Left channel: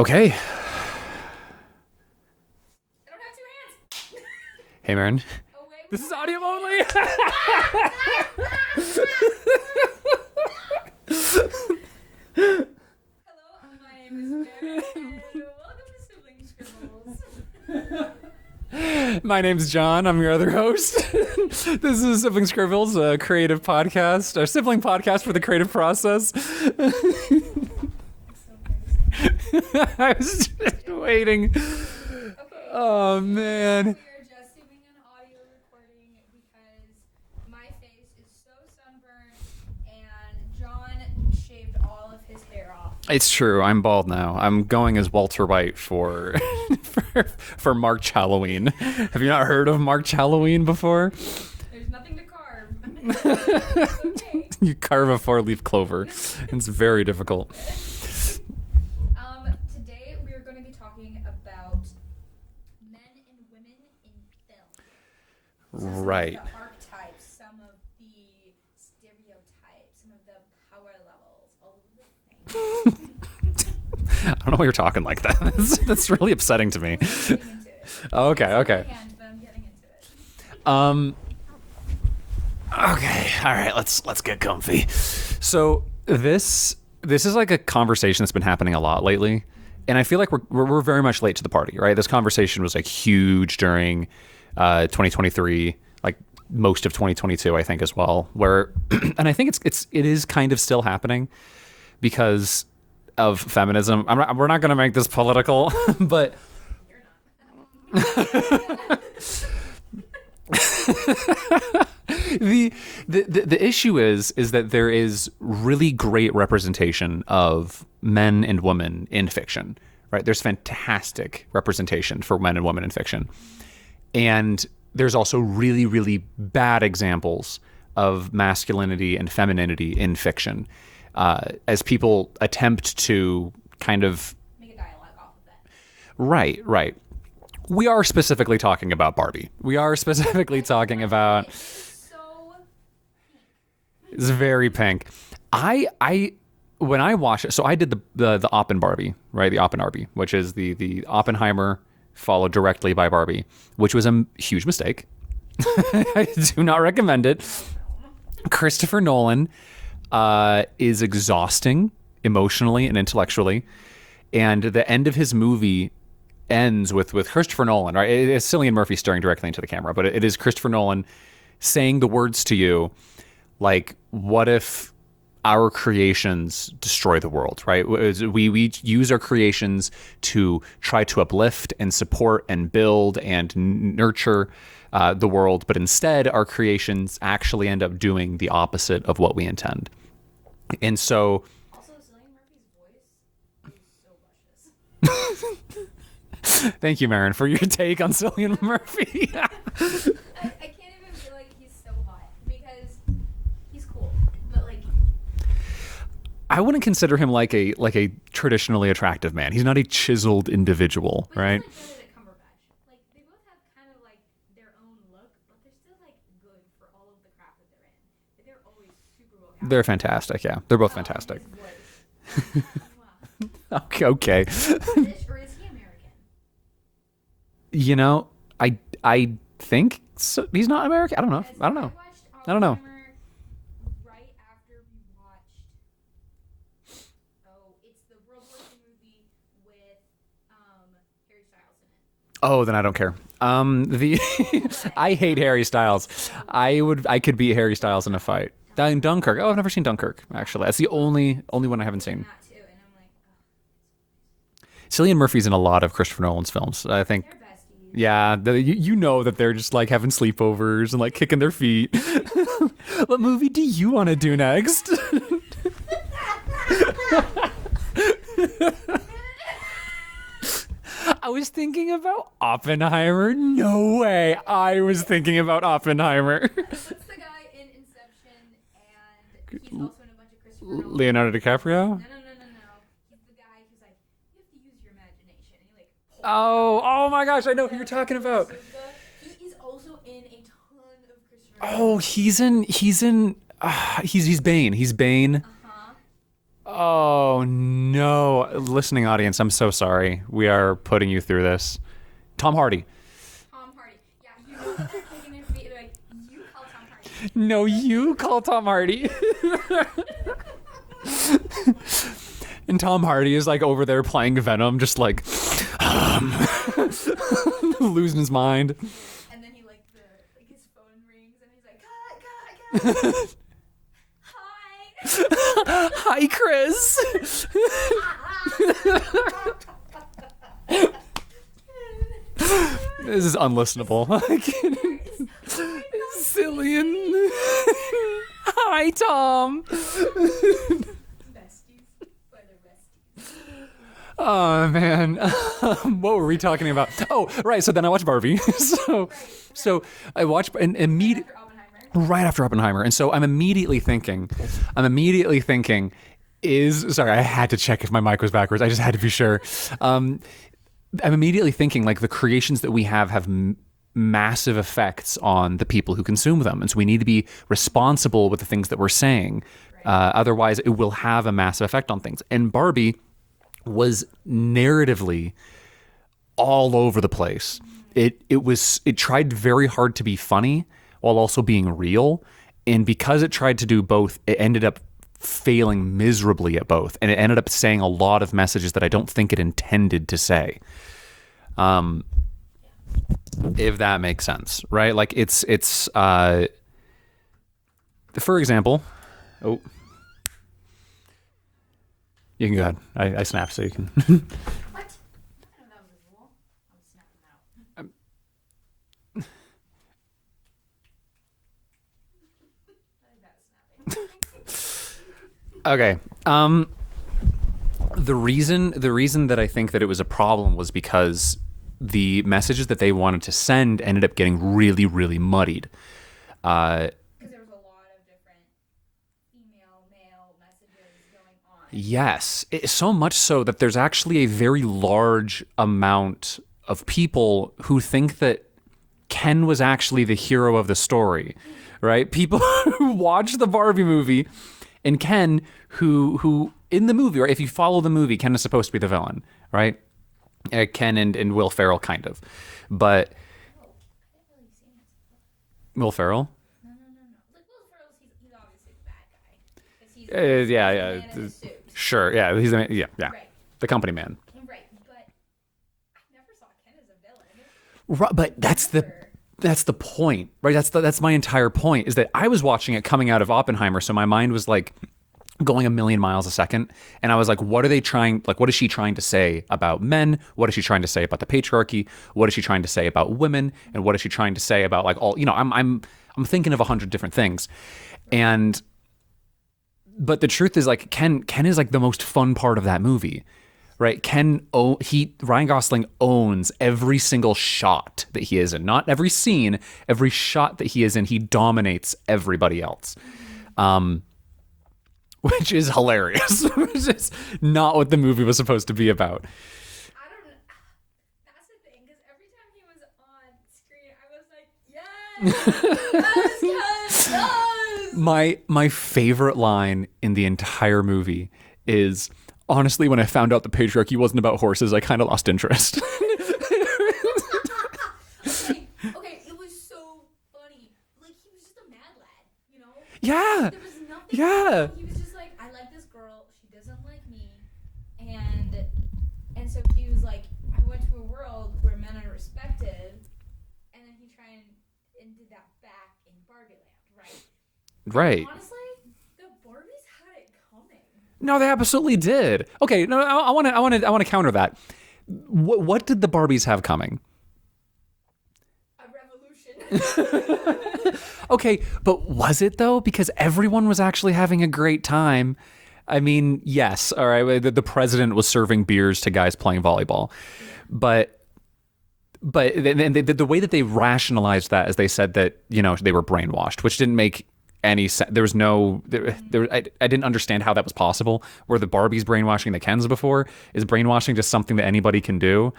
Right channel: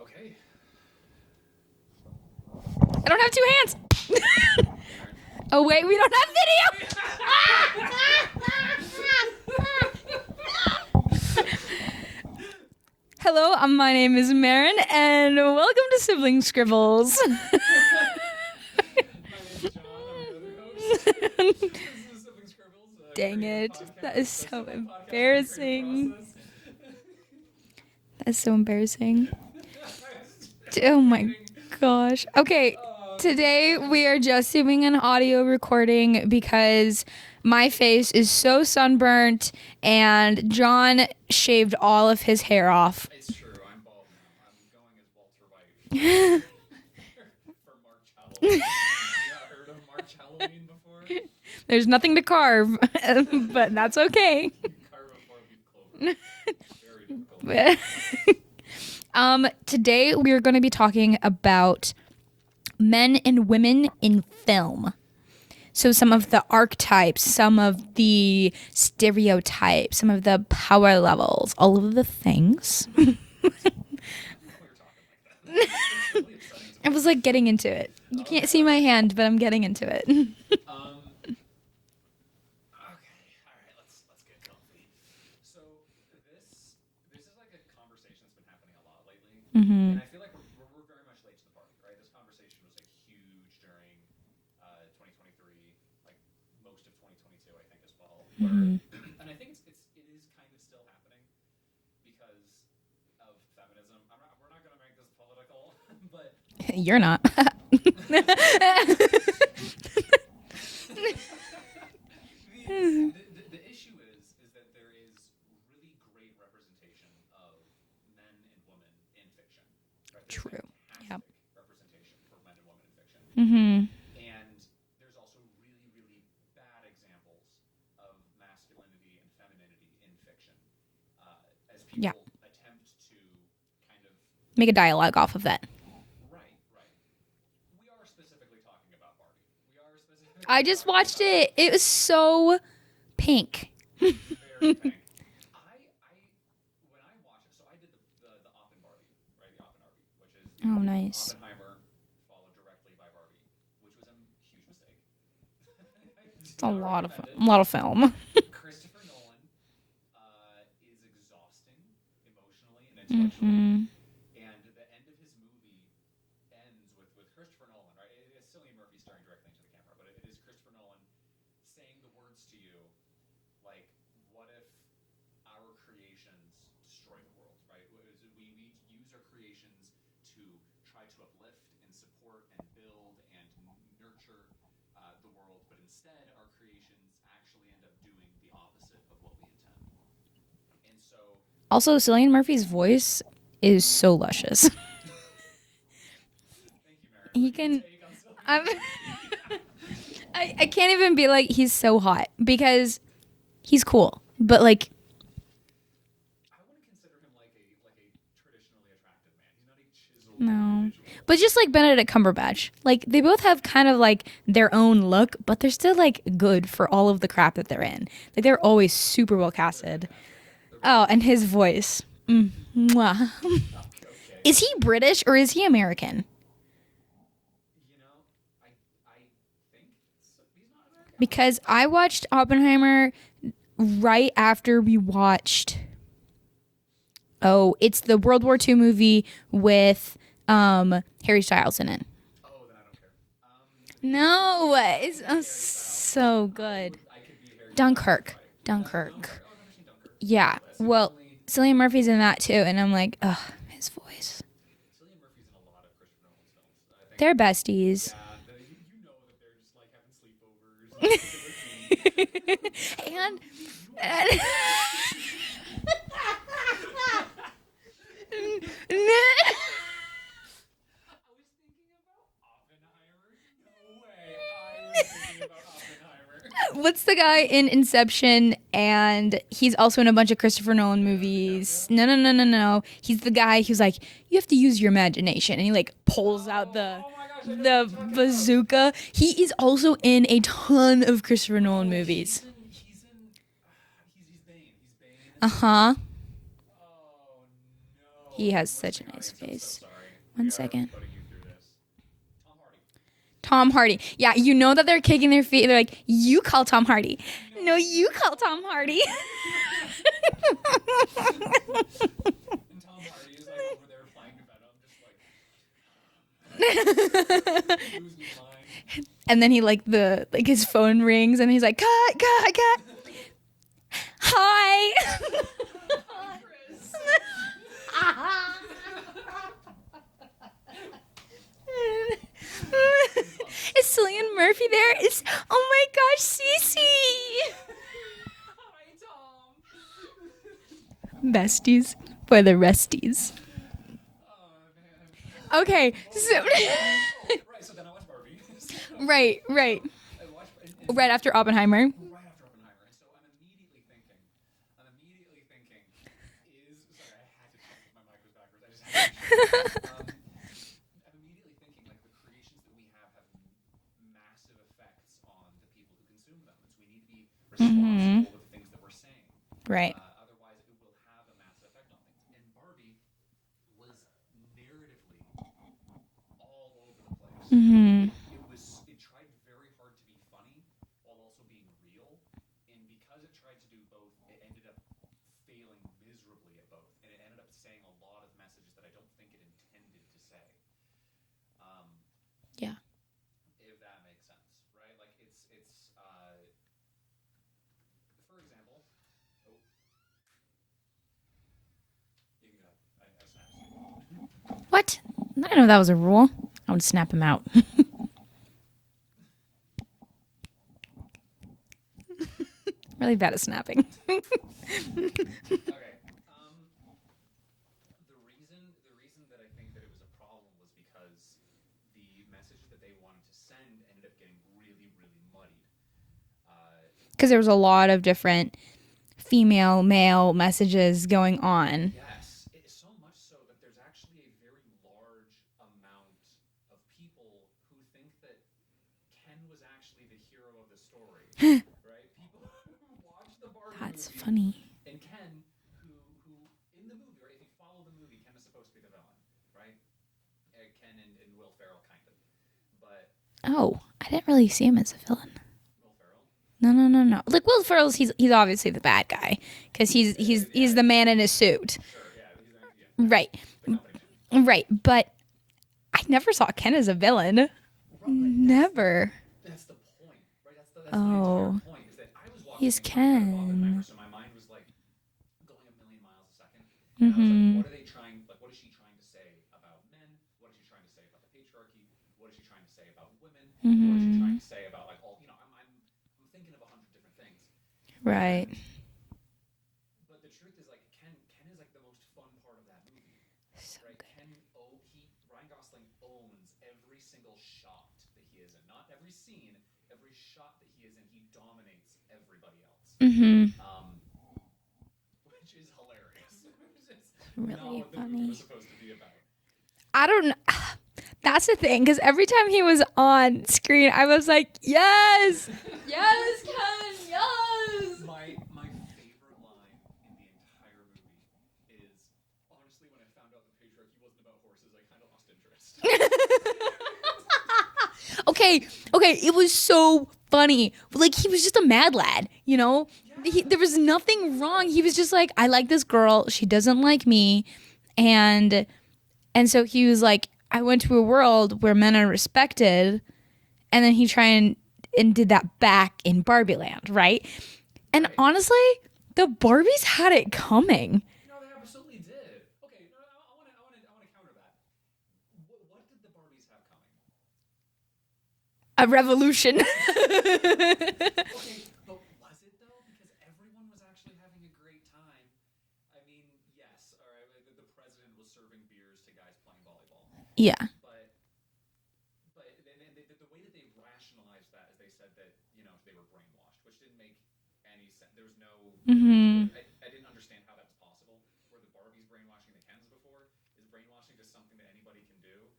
Okay. I don't have two hands. Hey, Marin. Oh, wait, we don't have video. Hello, my name is Marin, and welcome to Sibling Scribbles. My name's John. I'm your other host. This is Sibling Scribbles, a creative podcast, a sibling podcast for the creative process. That's so embarrassing. I was just Oh waiting. my gosh. Okay, today we are just doing an audio recording because my face is so sunburnt and John shaved all of his hair off. It's true. I'm bald now. I'm going as Walter White for for March Halloween. Have you not heard of March Halloween before? There's nothing to carve, but that's okay. You carve a 4-leaf clover. It's very difficult. Today we are going to be talking about men and women in film. So some of the archetypes, some of the stereotypes, some of the power levels, all of the things. I don't know why you're talking like that. That's really upsetting to me. I was like getting into it. Oh, You can't see my hand, but I'm getting into it. Okay, all right, let's get comfy. So this is like a conversation that's been happening a lot lately, and I feel like we're very much late to the party, right? This conversation was like huge during 2023, like most of 2022, I think as well. Where, and I think it is kind of still happening because of feminism. We're not going to make this political, but You're not. The issue is that there is really great representation of men and women in fiction, right? There's fantastic representation for men and women in fiction. And there's also really, really bad examples of masculinity and femininity in fiction as people attempt to kind of Make a dialogue off of that. Right. We are specifically talking about Barbie. We are specifically I just talking watched about it. It was so pink. It's very pink. When I watched it, so I did the Oppen Barbie, right? The Oppen Barbie, which is the nice. Oppenheimer followed directly by Barbie, which was a huge mistake. I do not recommend it. A lot of film. Christopher Nolan is exhausting emotionally and intellectually, and the end of his movie ends with Christopher Nolan, right? It's Cillian Murphy staring directly into the camera, but it is Christopher Nolan saying the words to you, like, what if our creations destroy the world, right? We use our creations to try to uplift and support and build and nurture the world, but instead our creations actually end up doing the opposite of what we intend. And so... Also, Cillian Murphy's voice is so luscious. Thank you, Marin, for your take on Cillian Murphy. I can't even be like, he's so hot, because he's cool. But like... I wouldn't consider him like a traditionally attractive man. He's not a chiseled individual. But just right? like Benedict Cumberbatch. Like, they both have kind of like their own look, but they're still like good for all of the crap that they're in. Like, they're always super well casted. They're fantastic, yeah. They're both fantastic. And his voice. Mwah. Okay. Is he British or is he American? You know, I think so. He's not American. I don't Because know. I watched Oppenheimer right after we watched... Oh, it's the World War II movie with Harry Styles in it. Oh, then I don't care. No, I hate Harry Styles. So good. I could beat Harry Styles in a Dunkirk. fight. Dunkirk. Dunkirk. Oh, I've never seen Dunkirk. Yeah, actually, that's the well, only Cillian one I haven't Murphy's seen. in that too, and I'm like, ugh, his voice. Cillian Murphy's in a lot of Christopher Nolan's films. I think They're besties. Yeah, you know that they're just like having sleepovers and like kicking their feet. What movie do you want to do next? I was thinking about Oppenheimer. No way. I was thinking about Oppenheimer. What's the guy in Inception? And he's also in a bunch of Christopher Nolan Leonardo movies. DiCaprio? No. He's the guy who's like, you have to use your imagination, and he like pulls out the, oh my gosh, I know what you're talking about. bazooka. He is also in a ton of Christopher Nolan movies. He's Bane. He's Bane. Oh no, He has listening such a audience, I'm so face. sorry. We One are second. putting you through this. Tom Hardy. Tom Hardy. Yeah, you know that they're kicking their feet. They're like, you call Tom Hardy. No, you call Tom Hardy. And Tom Hardy is like over there playing Venom, just like losing his mind. And then he like his phone rings and he's like, cut. Hi. Hi, Chris. This is Is unlistenable. Cillian Murphy there? Oh my gosh, Cillian. Cece. Hi, Tom. Besties for the resties. Oh man. Okay. What were we talking about? Oh, right. So then I watched Barbie. Right. So I watched and Right after Oppenheimer. Right after Oppenheimer, and so I'm immediately thinking, sorry, I had to check if my mic was backwards. I just had to be sure. I'm immediately thinking like the creations that we have massive effects on the people who consume them, and so we need to be responsible with the things that we're saying. Right. Otherwise, it will have a massive effect on things. And Barbie was narratively all over the place. It tried very hard to be funny while also being real, and because it tried to do both, it ended up failing miserably at both, and it ended up saying a lot of messages that I don't think it intended to say. Yeah. If that makes sense, right? Like it's for example, you can go ahead. I snapped, so you can. What? I didn't know that was a rule. I would snap him out. Really bad at snapping. Okay. The reason that I think that it was a problem was because the messages that they wanted to send ended up getting really, really muddied. Because there was a lot of different female, male messages going on. Yes, so much so that there's actually a very large amount of people who think that Ken was actually the hero of the story, right? People who watch the Barbie movie and Ken, who in the movie, right? If you follow the movie, Ken is supposed to be the villain, right? Ken and Will Ferrell, kind of. But Oh, I didn't really see him as a villain. Will Ferrell? No. Like Will Ferrell's, he's obviously the bad guy because he's the man in his suit. Sure, yeah. He's the Right. The company man. Right, but I never saw Ken as a villain. Right, but Never. that's the point, right? That's my entire point, is that I was watching it coming out of Oppenheimer, so my mind was like going a million miles a second, and I was like, what is she trying to say about men? What is she trying to say about the patriarchy? What is she trying to say about women? And what is she trying to say about like all, I'm thinking of 100 different things. Right. But the truth is, like, Ken is like the most fun part of that movie, right? Ryan Gosling owns every single shot that he is in, not every scene, every shot that he is in. He dominates everybody else, which is hilarious. Which is not what the movie was supposed to be about. I don't know. That's the thing, because every time he was on screen, I was like, yes, yes, yes. My favorite line in the entire movie is, honestly, when I found out the patriarchy wasn't about horses, I kind of lost interest. Okay, it was so funny. Like, he was just a mad lad, you know? Yeah. There was nothing wrong. He was just like, I like this girl. She doesn't like me. And so he was like, I went to a world where men are respected. And then he tried and did that back in Barbie Land, right? Right. And honestly, the Barbies had it coming. No, they absolutely did. Okay, no, I want to counter that. What did the Barbies have coming? A revolution. Okay, but was it though? Because everyone was actually having a great time. I mean, yes, all right. The president was serving beers to guys playing volleyball. Yeah. But the way that they rationalized that is they said that they were brainwashed, which didn't make any sense. There was no. I didn't understand how that was possible. Were the Barbies brainwashing the Kens before? Is brainwashing just something that anybody can do?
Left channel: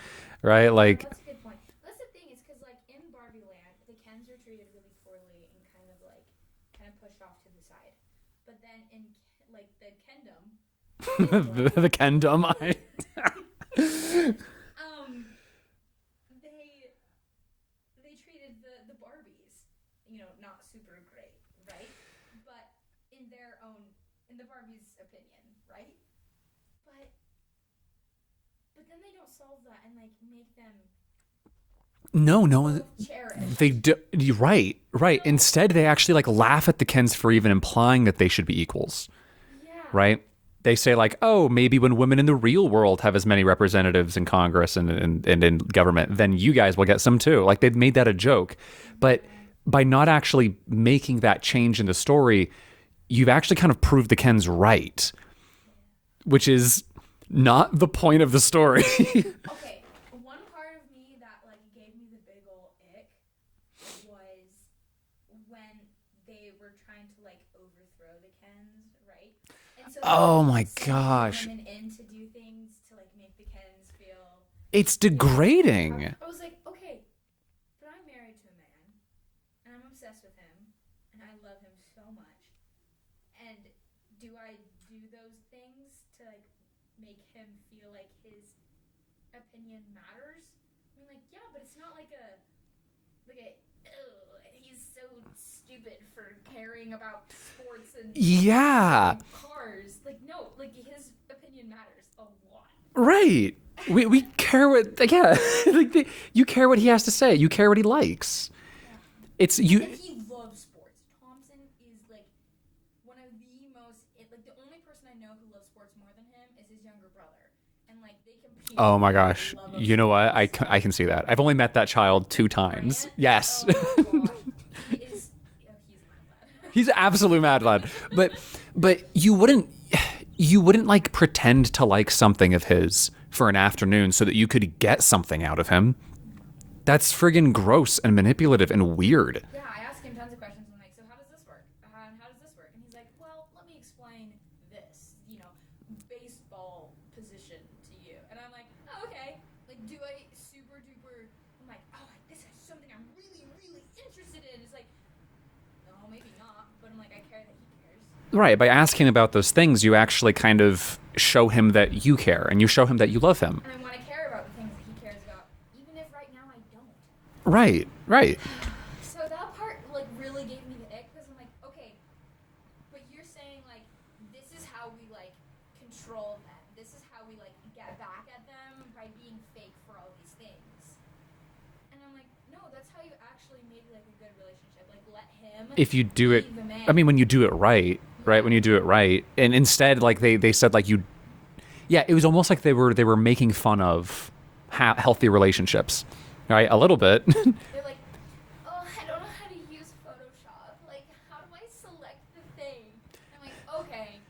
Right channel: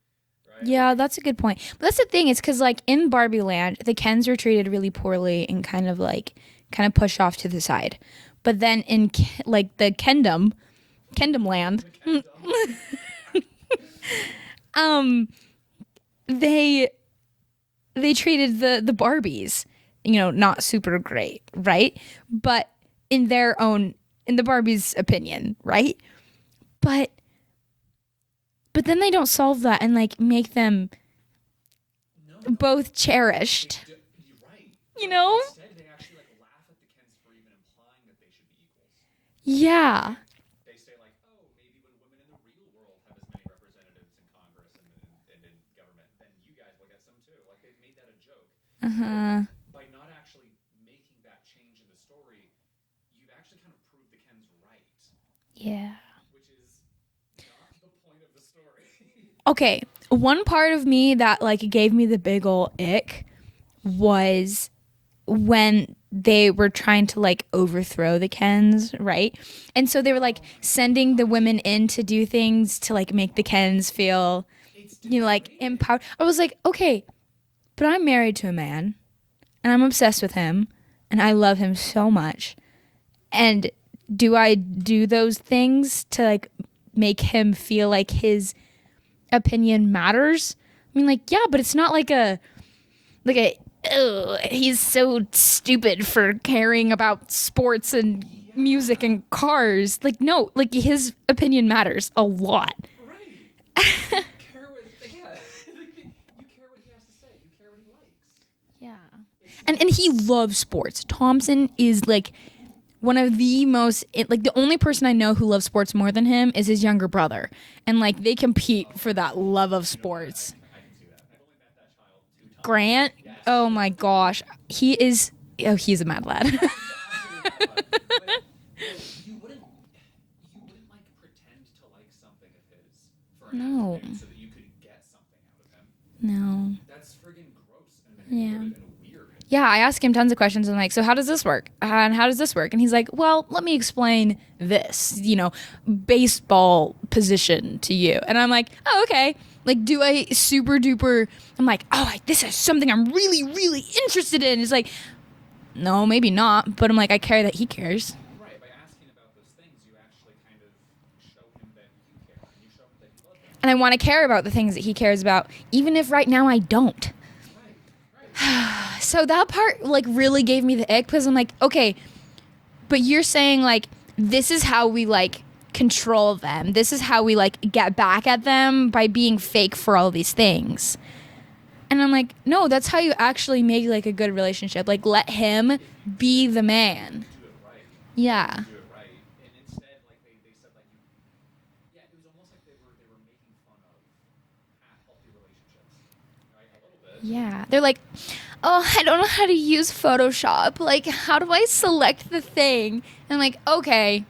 Right? Yeah, that's a good point. But that's the thing. It's because like in Barbie Land, the Kens were treated really poorly and kind of pushed off to the side. But then in like the Kendom, Kendom land. The Kendom. They treated the Barbies, you know, not super great, right? But in the Barbies' opinion, right? But then they don't solve that and like make them both cherished. They do. You're right. Right. You know? Instead, they actually like laugh at the Kens for even implying that they should be equals. Yeah. Right. They say like, oh, maybe when women in the real world have as many representatives in Congress and in government, then you guys will get some too. Like they've made that a joke. But by not actually making that change in the story, you've actually kind of proved the Kens right. Yeah. Which is not the point of the story. Okay. One part of me that like gave me the big ol' ick was when they were trying to like overthrow the Kens, right? And so they were like sending the women in to do things to like make the Kens feel it's degrading. I was like, okay, but I'm married to a man and I'm obsessed with him and I love him so much. And do I do those things to like make him feel like his opinion matters? I mean, like, yeah, but it's not like he's so stupid for caring about sports and music and cars. Like, no, like his opinion matters a lot. Right. We care what, like you care what he has to say. You care what he likes. Yeah. And he loves sports. Thompson is like one of the most, like the only person I know who loves sports more than him is his younger brother. And like they compete for that love of sports. You know what? I can see that. I've only met that child 2 times. Grant? Yes. Oh my gosh. He's a mad lad. He's an absolute mad lad. But you wouldn't like pretend to like something of his for an afternoon so that you could get something out of him. No. That's friggin' gross and manipulative and weird. Yeah, I ask him tons of questions. I'm like, so how does this work? And how does this work? And he's like, well, let me explain this, baseball position to you. And I'm like, oh, okay. Like, do I super duper? I'm like, oh, this is something I'm really, really interested in. It's like, no, maybe not. But I'm like, I care that he cares. Right. By asking about those things, you actually kind of show him that you care and you show him that you love him. And I want to care about the things that he cares about, even if right now I don't. Right. So that part like really gave me the ick because I'm like, okay, but you're saying like, this is how we like control them. This is how we like get back at them by being fake for all these things. And I'm like, no, that's how you actually make like a good relationship. Like let him be the man. I mean, when you do it right, right? When you do it right. And instead, like they said like it was almost like they were making fun of healthy relationships, right? A little bit. Yeah. They're like, oh, I don't know how to use Photoshop. Like, how do I select the thing? And I'm like, okay.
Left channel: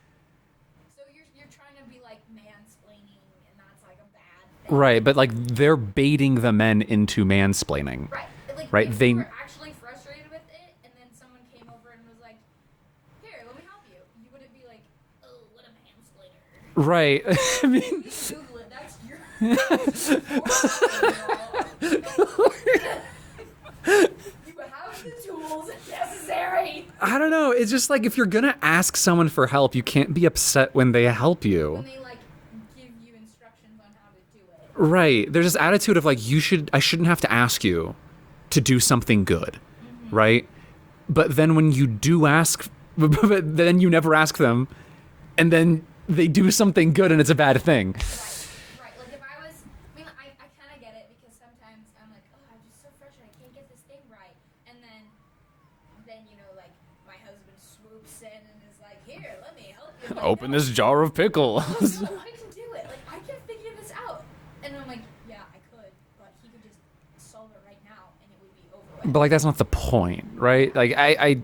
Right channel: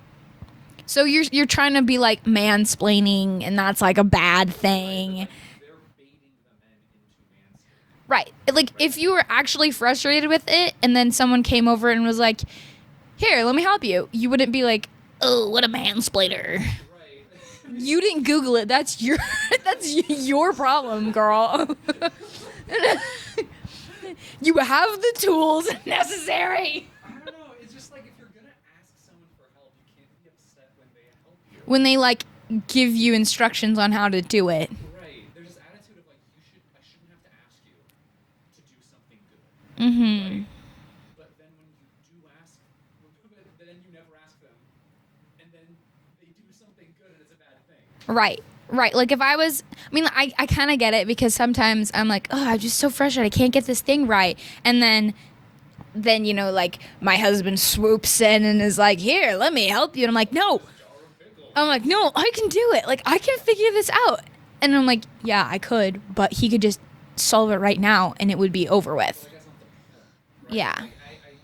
So you're trying to be like mansplaining, and that's like a bad thing, right? But like they're baiting the men into mansplaining, right? Like if you were actually frustrated with it, and then someone came over and was like, "Here, let me help you," you wouldn't be like, "Oh, what a mansplainer!" Right? I mean, you didn't Google it. That's your problem, girl. You have the tools necessary. I don't know. It's just like if you're gonna ask someone for help, you can't be upset when they help you. When they like give you instructions on how to do it. Right. There's this attitude of like I shouldn't have to ask you to do something good. Mm-hmm. Right? But then when you do ask, but then you never ask them, and then they do something good and it's a bad thing. Right. Like if I kind of get it because sometimes I'm like, oh, I'm just so frustrated. I can't get this thing right. And then like my husband swoops in and is like, here, let me help you. And I'm like, Open this jar of pickles. I'm like, no, I can do it. Like I can figure this out. And I'm like, yeah, I could, but he could just solve it right now and it would be over with. But like that's not the point, right? Yeah. Like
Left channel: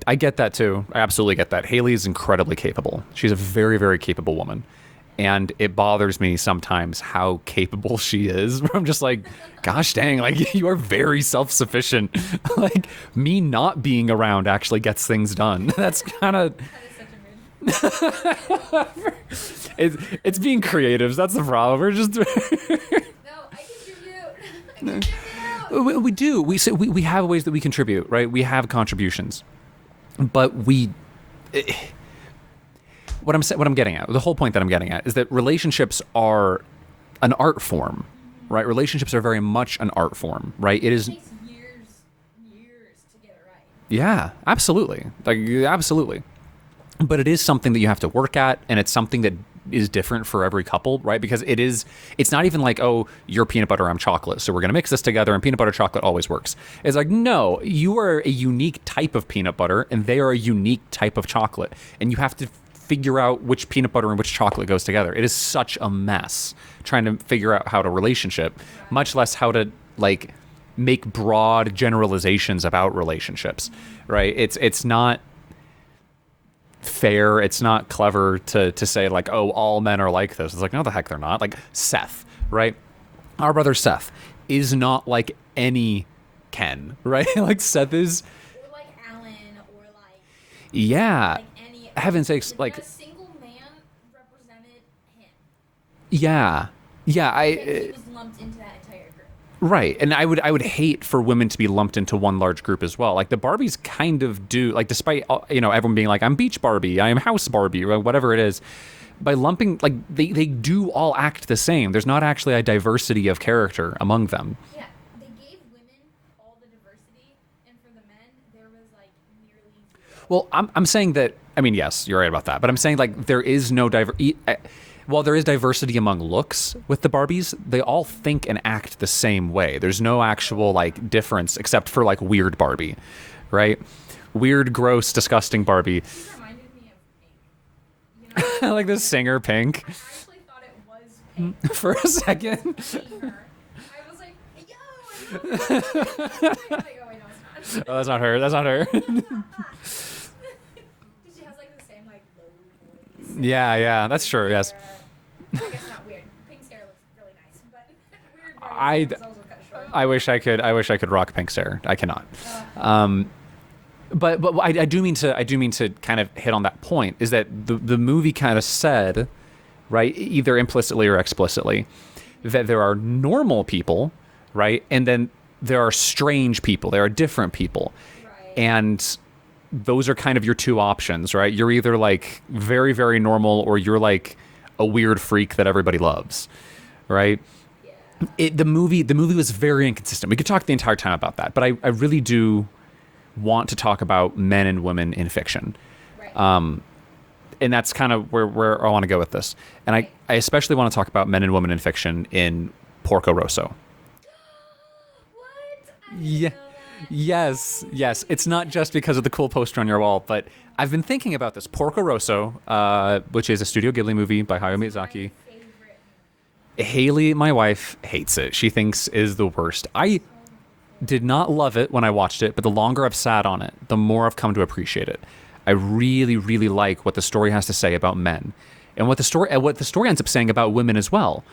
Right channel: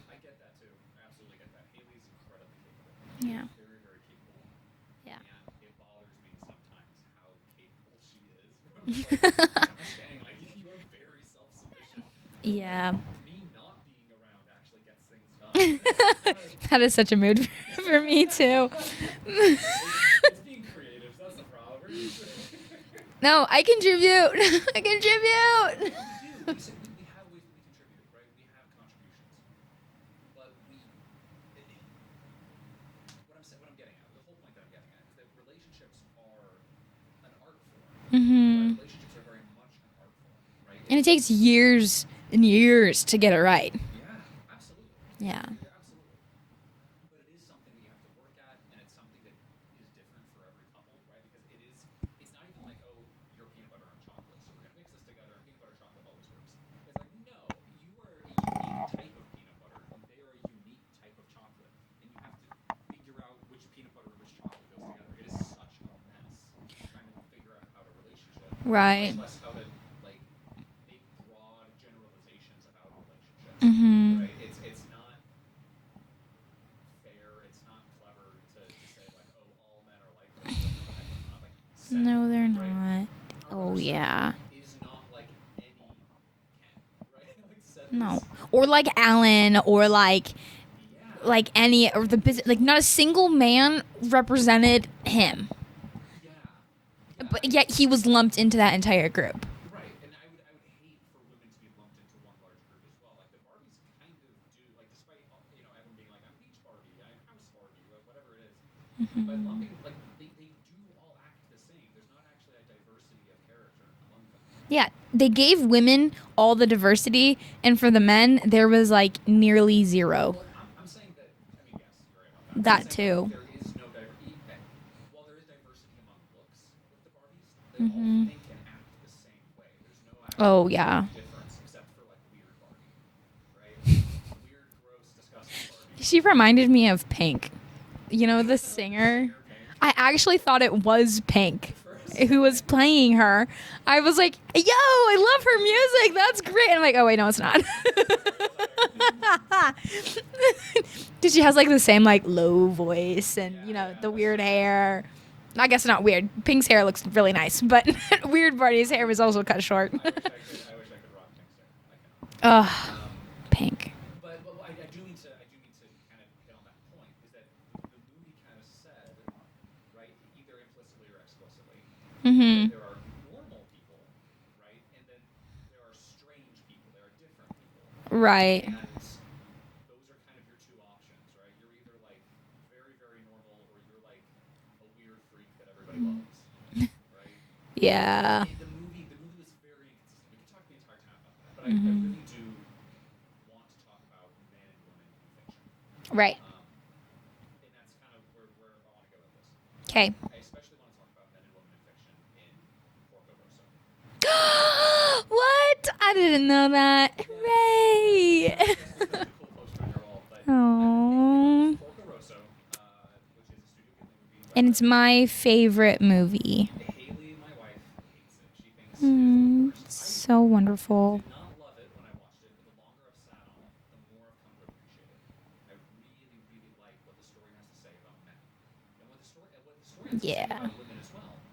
I get that too. I absolutely get that. Haley is incredibly capable. She's a very, very capable woman. And it bothers me sometimes how capable she is. I'm just like, gosh dang, like you are very self-sufficient. Like me not being around actually gets things done. That's kind of that is such a mood for me too. It's being creatives. That's the problem. We're just no, I contribute. We do. We have ways that we contribute, right? We have contributions, but what I'm getting at, the whole point that I'm getting at is that relationships are an art form, right? Relationships are very much an art form, right? It takes years and years to get it right. Yeah, absolutely. Like, absolutely. But it is something that you have to work at, and it's something that is different for every couple, right? Because it's not even like, oh, you're peanut butter, I'm chocolate, so we're going to mix this together, and peanut butter chocolate always works. It's like, no, you are a unique type of peanut butter, and they are a unique type of chocolate. And you have to figure out which peanut butter and which chocolate goes together. It is such a mess trying to figure out how to relationship, right, much less how to, like, make broad generalizations about relationships, right? It's not fair, it's not clever to say, like, oh, all men are like this. It's like, no, the heck they're not. Like Seth, right? Not. Our brother Seth is not like any Ken, right? Like Seth is, or like Alan, or like any like not a single man represented him. Yeah, yet he was lumped into that entire group. Right, and I would hate for women to be lumped into one large group as well. Like the Barbies kind of do, like despite everyone being like, I'm Beach Barbie, I am House Barbie, or whatever it is, by lumping, like they do all act the same. There's not actually a diversity of character among them. Yeah, they gave women all the diversity, and for the men there was like nearly zero. Well, I'm saying that. I mean, yes, you're right about that, but I'm saying like there is no while there is diversity among looks with the Barbies, they all think and act the same way. There's no actual like difference except for like weird Barbie, right? Weird, gross, disgusting Barbie. She reminded me of Pink. You know, the singer. Like the singer Pink. I actually thought it was Pink for a second. Who was playing her. I was like, yo, I love her music. That's great. And I'm like, oh, wait, no, it's not. Oh, that's not her. That's not her. Because she has like the same like low voice. And, that's true. Hair. Yes. I guess not weird. Pink's hair looks really nice, but weird Barbie's hair was also cut short. I wish I could rock Pink's hair. I cannot. Pink. But I do mean to kind of hit on that point, is that the movie kind of said, right, either implicitly or explicitly, that there are normal people, right, and then there are strange people. There are different people, right, and those are kind of your two options, right? You're either like very, very normal, or you're like a weird freak that everybody loves, right? Yeah. The movie was very inconsistent. We could talk the entire time about that, but I really do want to talk about men and women in fiction. Right. And that's kind of where I want to go with this. And I especially want to talk about men and women in fiction in Porco Rosso. What? I didn't know that. Yes, Yay. yes. It's not just because of the cool poster on your wall, but I've been thinking about this. Porco Rosso, which is a Studio Ghibli movie by Hayao Miyazaki. It's my favorite movie. Haley, my wife, hates it. She thinks is the worst. So wonderful. Did not love it when I watched it, but the longer I've sat on it, the more I've come to appreciate it. I really, really like what the story has to say about men, and what the story ends up saying about women as well.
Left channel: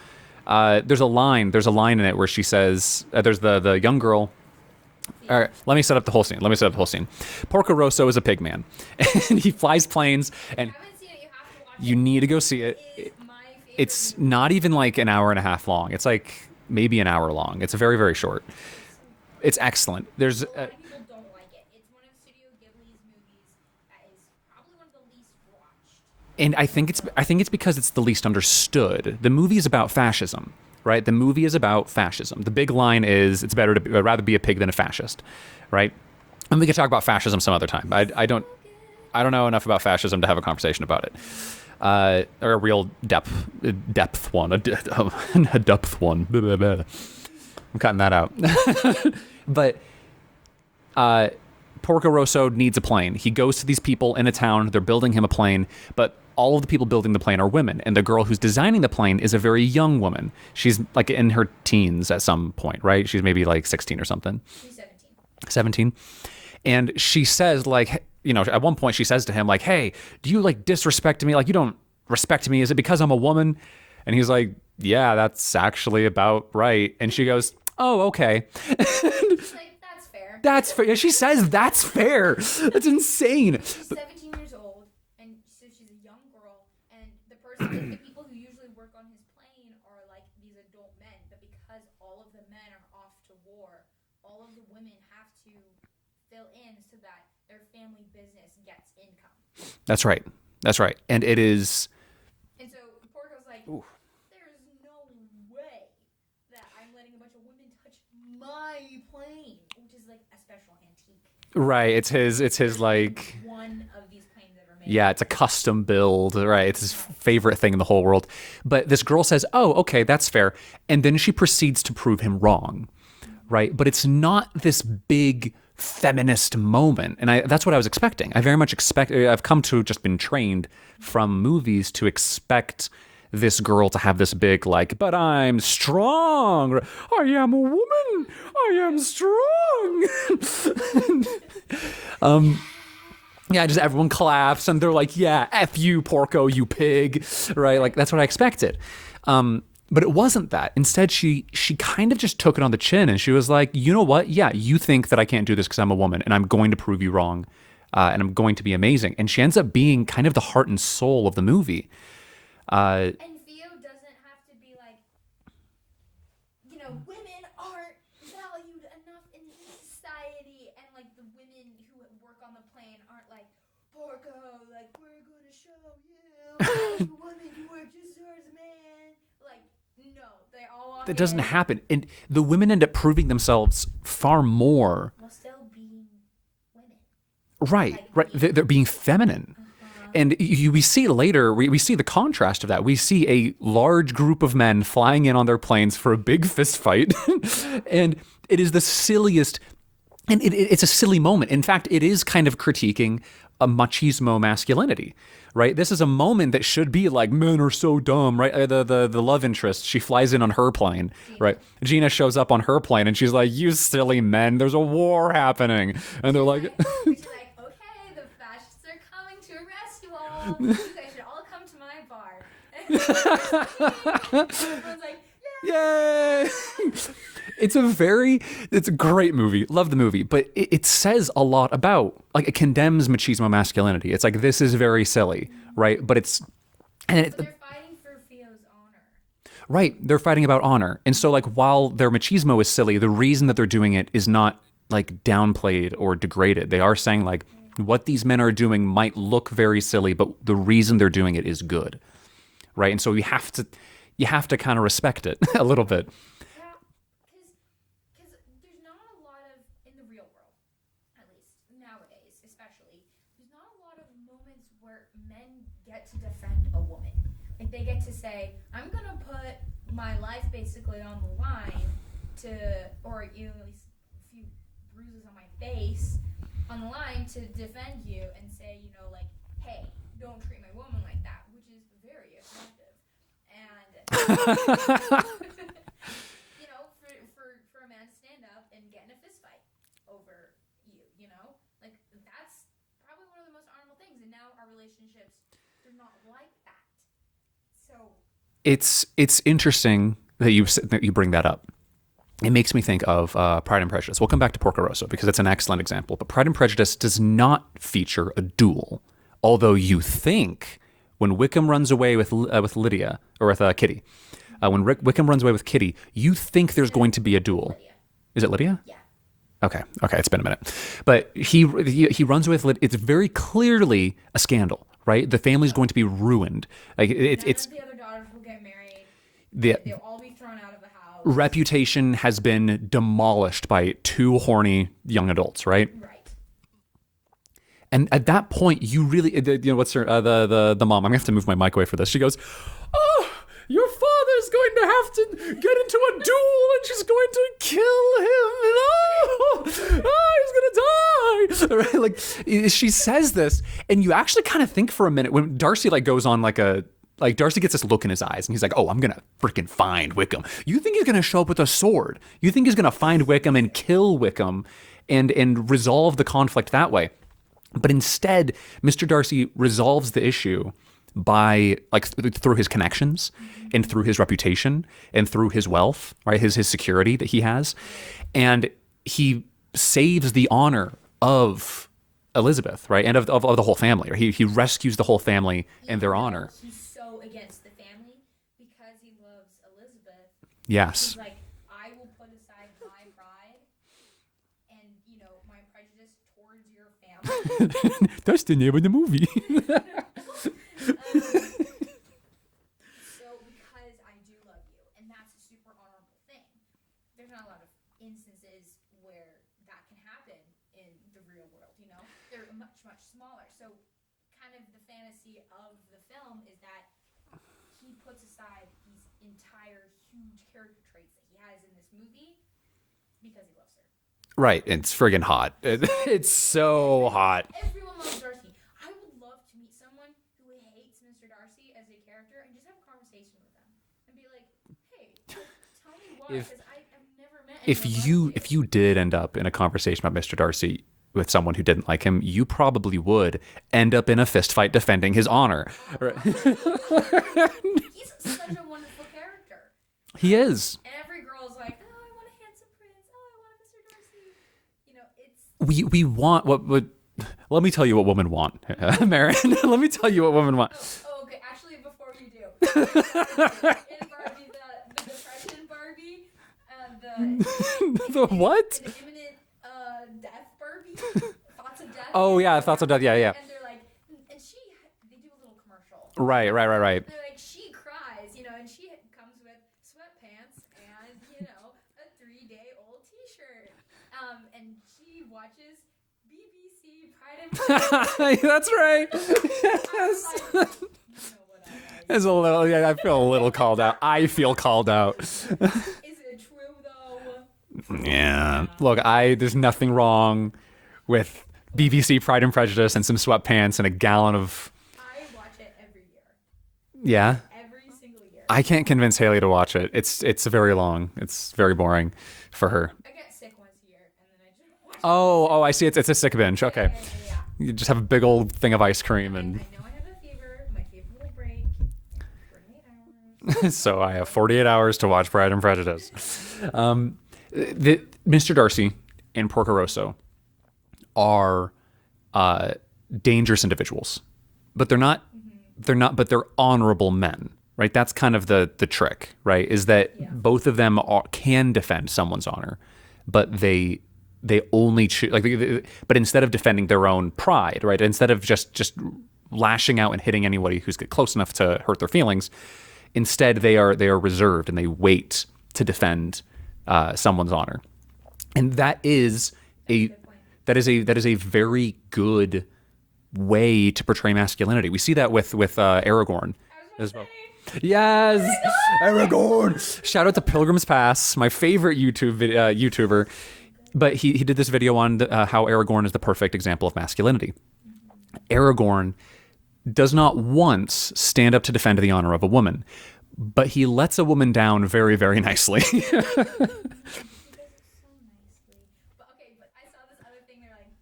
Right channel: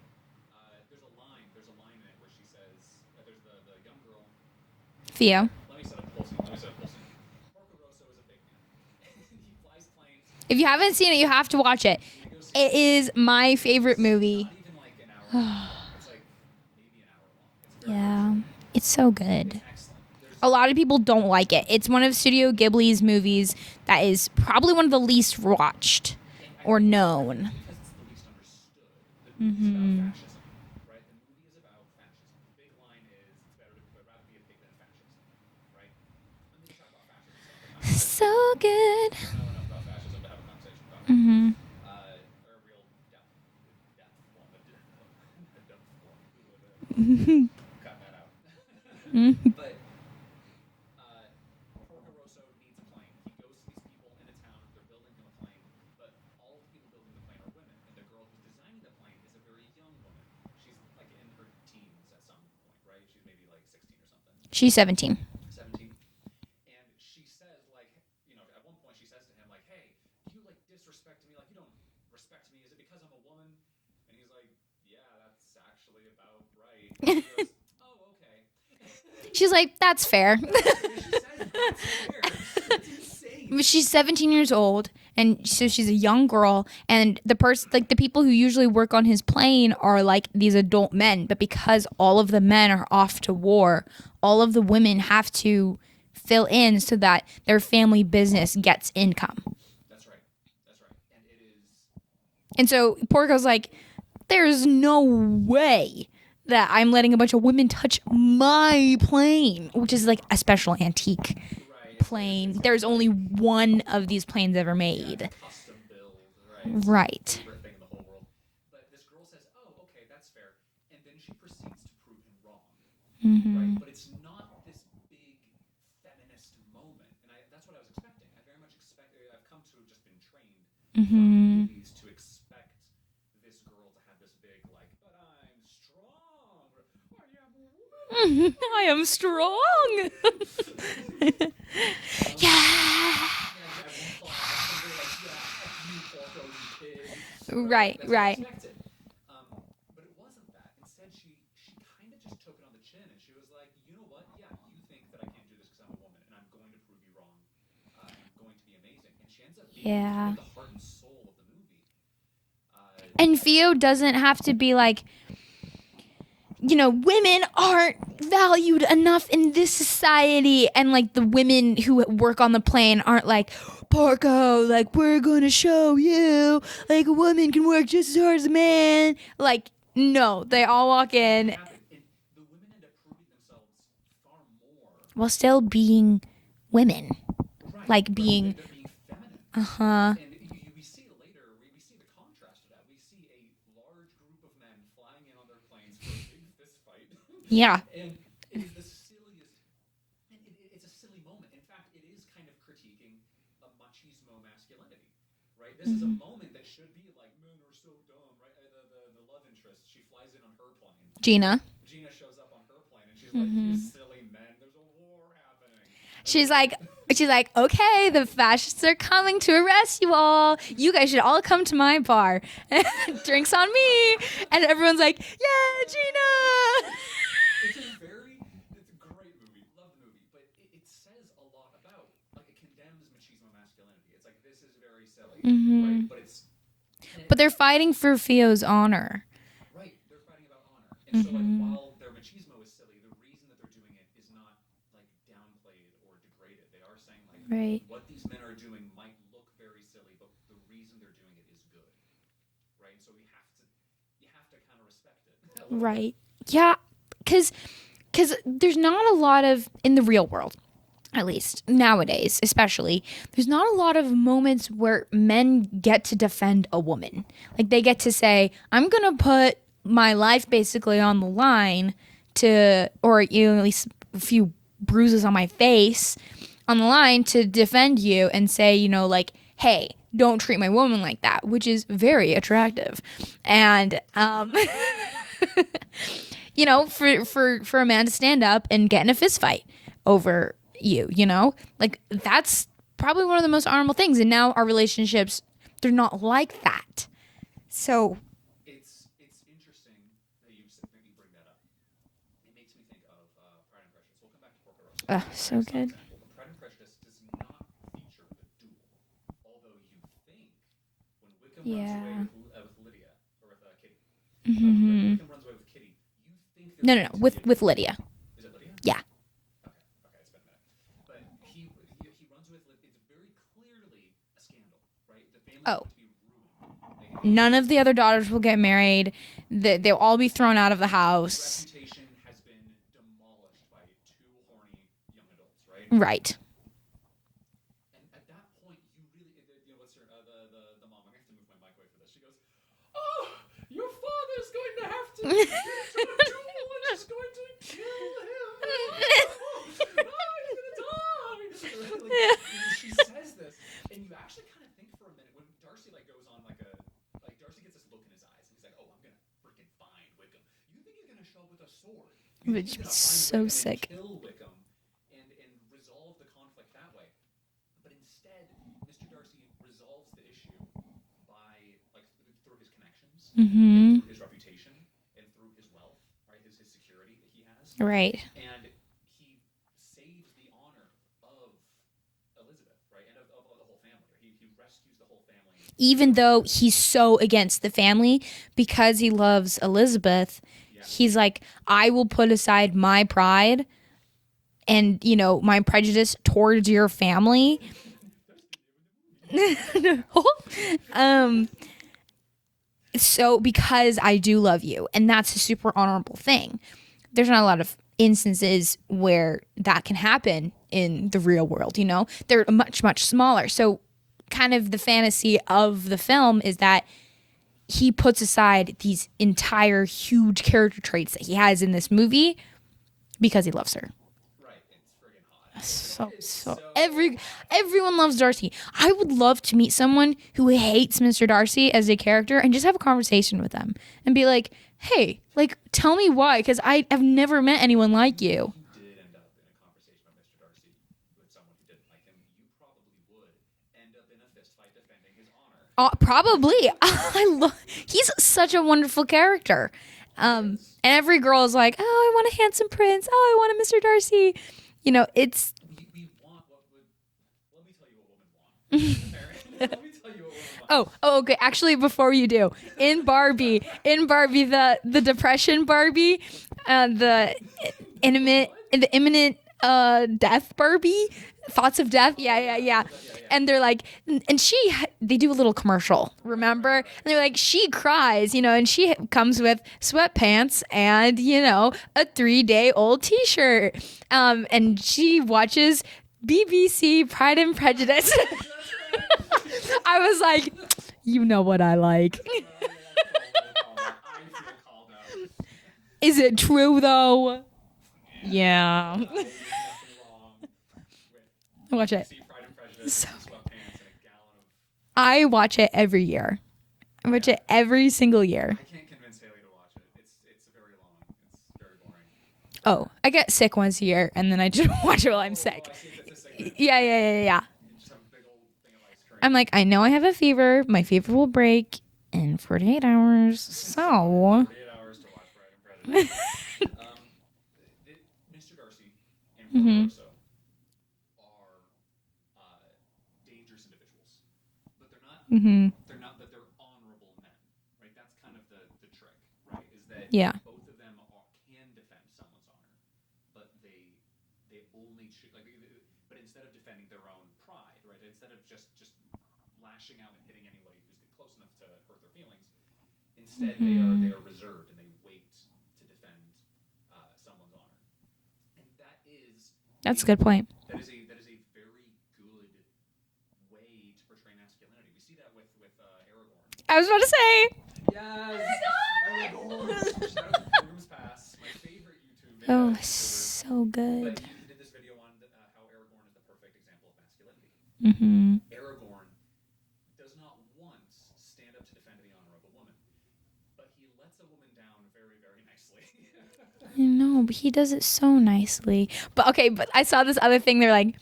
There's a line in it where she says, there's the young girl. Thea. Let me set up the whole scene. Porco Rosso is a pig man, and he flies planes. If you haven't seen it, you have to watch it. You need to go see it. It is my favorite movie. It's not even like an hour and a half long. It's like maybe an hour long. It's very, very short. It's so good. It's excellent. There's a lot of people don't like it. It's one of Studio Ghibli's movies that is probably one of the least watched. And I think it's because it's the least understood. The movie is about fascism, right? The movie is about fascism. The big line is, it's better to rather be a pig than a fascist, right? And we could talk about fascism some other time. I don't know enough about fascism to have a conversation about it. Or a real depth one, a depth one. I'm cutting that out. But Porco Rosso needs a plane. He goes to these people in a town. They're building him a plane, but all of the people building the plane are women, and the girl who's designing the plane is a very young woman. She's like in her teens at some point, right? She's maybe like 16 or something. She's 17. 17. And she says, like, at one point she says to him, like, hey, do you like disrespect me? Like, you don't respect me. Is it because I'm a woman? And he's like, yeah, that's actually about right. And she goes, oh, okay. She's like, that's fair. That's fair. Yeah, she says that's fair. That's insane. But she's 17 years old, and so she's a young girl, and the person, like the people who usually work on his plane are like these adult men, but because all of the men are off to war, all of the women have to fill in so that their family business gets income. That's right. That's right. And it is... And so Porco's like, there's no way that I'm letting a bunch of women touch my plane, which is like a special antique. Right. It's plane. his There's like... only one of these planes ever made. Yeah, it's a custom build, right? It's his Right. favorite thing in the whole world. But this girl says, oh, okay, that's fair. And then she proceeds to prove him wrong, right? But it's not this big feminist moment. And that's what I was expecting. I very much I've come to just been trained from movies to expect this girl to have this big, like, but I'm strong. I am a woman. I am strong. Yeah, just everyone claps and they're like, yeah, F you, Porco, you pig. Right? Like, that's what I expected. But it wasn't that. Instead, she kind of just took it on the chin and she was like, you know what? Yeah, you think that I can't do this because I'm a woman and I'm going to prove you wrong and I'm going to be amazing. And she ends up being kind of the heart and soul of the movie. And Theo doesn't have to be like, you know, women aren't valued enough in this society. And like the women who work on the plane aren't like, Porco, like, we're going to show you, like, a woman can work just as hard as a man. Like, no, they all walk in. It doesn't happen. And the women end up proving themselves far more. While still being women. Right. Like being, right. They're being feminine. And we see later, we see the contrast of that. We see a large group of men flying in on their planes for a big fist fight. Yeah. And it is the silliest, and it's a silly moment. In fact, it is kind of critiquing a machismo masculinity. Right, this is a moment that should be like, men are so dumb, right? The love interest, she flies in on her plane. Gina. Right? Gina shows up on her plane, and she's like, "You silly men, there's a war happening." And she's like, okay, the fascists are coming to arrest you all. You guys should all come to my bar. Drinks on me. And everyone's like, yeah, Gina. It's a great movie. Love the movie, but it says a lot about, like, it condemns machismo masculinity. It's like, this is very silly, right? But but they're fighting for Theo's honor. Right. They're fighting about honor. And so, like, while their machismo is silly, the reason that they're doing it is not, like, downplayed or degraded. They are saying, like, what these men are doing might look very silly, but the reason they're doing it is good. Right? And so you have to kind of respect it a little bit. Yeah. Because there's not a lot of, in the real world, at least nowadays especially, there's not a lot of moments where men get to defend a woman. Like, they get to say, I'm going to put my life basically on the line to, or you know, at least a few bruises on my face on the line to defend you and say, you know, like, hey, don't treat my woman like that, which is very attractive. And you know, for a man to stand up and get in a fist fight over you, you know, like, that's probably one of the most honorable things. And now our relationships, they're not like that. So it's interesting that you bring that up. It makes me think of Pride and Prejudice. We'll come back to Porco Rosso because it's an excellent example. But Pride and Prejudice does not feature a duel, although you think when Wickham runs away with Lydia, or with Kitty. When Wickham runs away with Kitty, you think there's going to be a duel. With Lydia. Is it Lydia? Yeah. Okay, it's been a minute. But he runs away with Lydia. It's very clearly a scandal, right? The family's going to be ruined. Like, None of the other daughters will get married. They'll all be thrown out of the house. Reputation has been demolished by two horny young adults, right? Right. And at that point, you really, you know, what's her, the mom, I'm gonna have to move my mic away for this. She goes, "Oh, your father's going to have to get into a duel and she's going to kill him. He's gonna die." Right? Like, she says this, and you actually kind of think for a minute when Darcy, like, goes on like Darcy gets this look in his eyes, and he's like, "Oh, I'm gonna freaking find Wickham." You think he's gonna show up with a sword? You think he's gonna find Wickham and kill Wickham, and resolve the conflict that way? But instead, Mr. Darcy resolves the issue by, like, through his connections and through his reputation and through his wealth, right? His security that he has. Right. And he saves the honor of Elizabeth, right? And of the whole family. Right? He rescues the whole family. Even and their though honor. he's so against the family, because he loves Elizabeth, Yes. he's like, I will put aside my pride and my prejudice towards your family. That's the name of the movie. So because I do love you, and that's a super honorable thing. There's not a lot of instances where that can happen in the real world, They're much, much smaller. So kind of the fantasy of the film is that he puts aside these entire huge character traits that he has in this movie because he loves her. Right. It's friggin' hot. It's so hot. Everyone loves Darcy. I would love to meet someone who hates Mr. Darcy as a character and just have a conversation with them and be like, hey, tell me why, because I have never met anyone like you. If you did end up in a conversation about Mr. Darcy with someone who didn't like him, you probably would end up in a fist fight defending his honor. Probably. He's such a wonderful character. He is. And every girl is like, oh, I want a handsome prince. Oh, I want a Mr. Darcy. It's... We want what let me tell you what women want, Marin. Let me tell you what women want. Oh, okay. Actually, before you do, in Barbie, the depression Barbie, the imminent death Barbie, thoughts of death. Oh yeah, thoughts of death. Yeah. And they're like, and they do a little commercial. Right. And they're like, she cries, and she comes with sweatpants and a 3-day-old T-shirt, and she watches BBC Pride and Prejudice. That's right. I was like, you know what I like. It's a little. Yeah, I feel a little called out. I feel called out. Is it true though? Yeah. Look, there's nothing wrong with BBC Pride and Prejudice and some sweatpants and a gallon of... I watch it every year. Watch it every single year. I can't convince Haley to watch it. It's very long. It's very boring for her. I get sick once a year and then I just watch it while I'm sick. I see. It's a sick binge. Okay. Yeah. You just have a big old thing of ice cream. I'm like, I know I have a fever. My fever will break in 48 hours. So I have 48 hours to watch Pride and Prejudice. Mr. Darcy and Porco Rosso are dangerous individuals, but they're not. But they're honorable men, right? That's kind of the trick, right? Is that both of them can defend someone's honor, but they only choose but instead of defending their own pride, right? Instead of just lashing out and hitting anybody who's close enough to hurt their feelings, instead they are reserved and they wait to defend someone's honor, and that's a good point. That is a very good way to portray masculinity. We see that with Aragorn. I was about to say yes, Aragorn. Shout out to Pilgrim's Pass, my favorite YouTuber. So good. But he did this video on how Aragorn is the perfect example of masculinity. Aragorn does not once stand up to defend the honor of a woman, but he lets a woman down very, very nicely. No, but he does it so nicely. But I saw this other thing. They're like,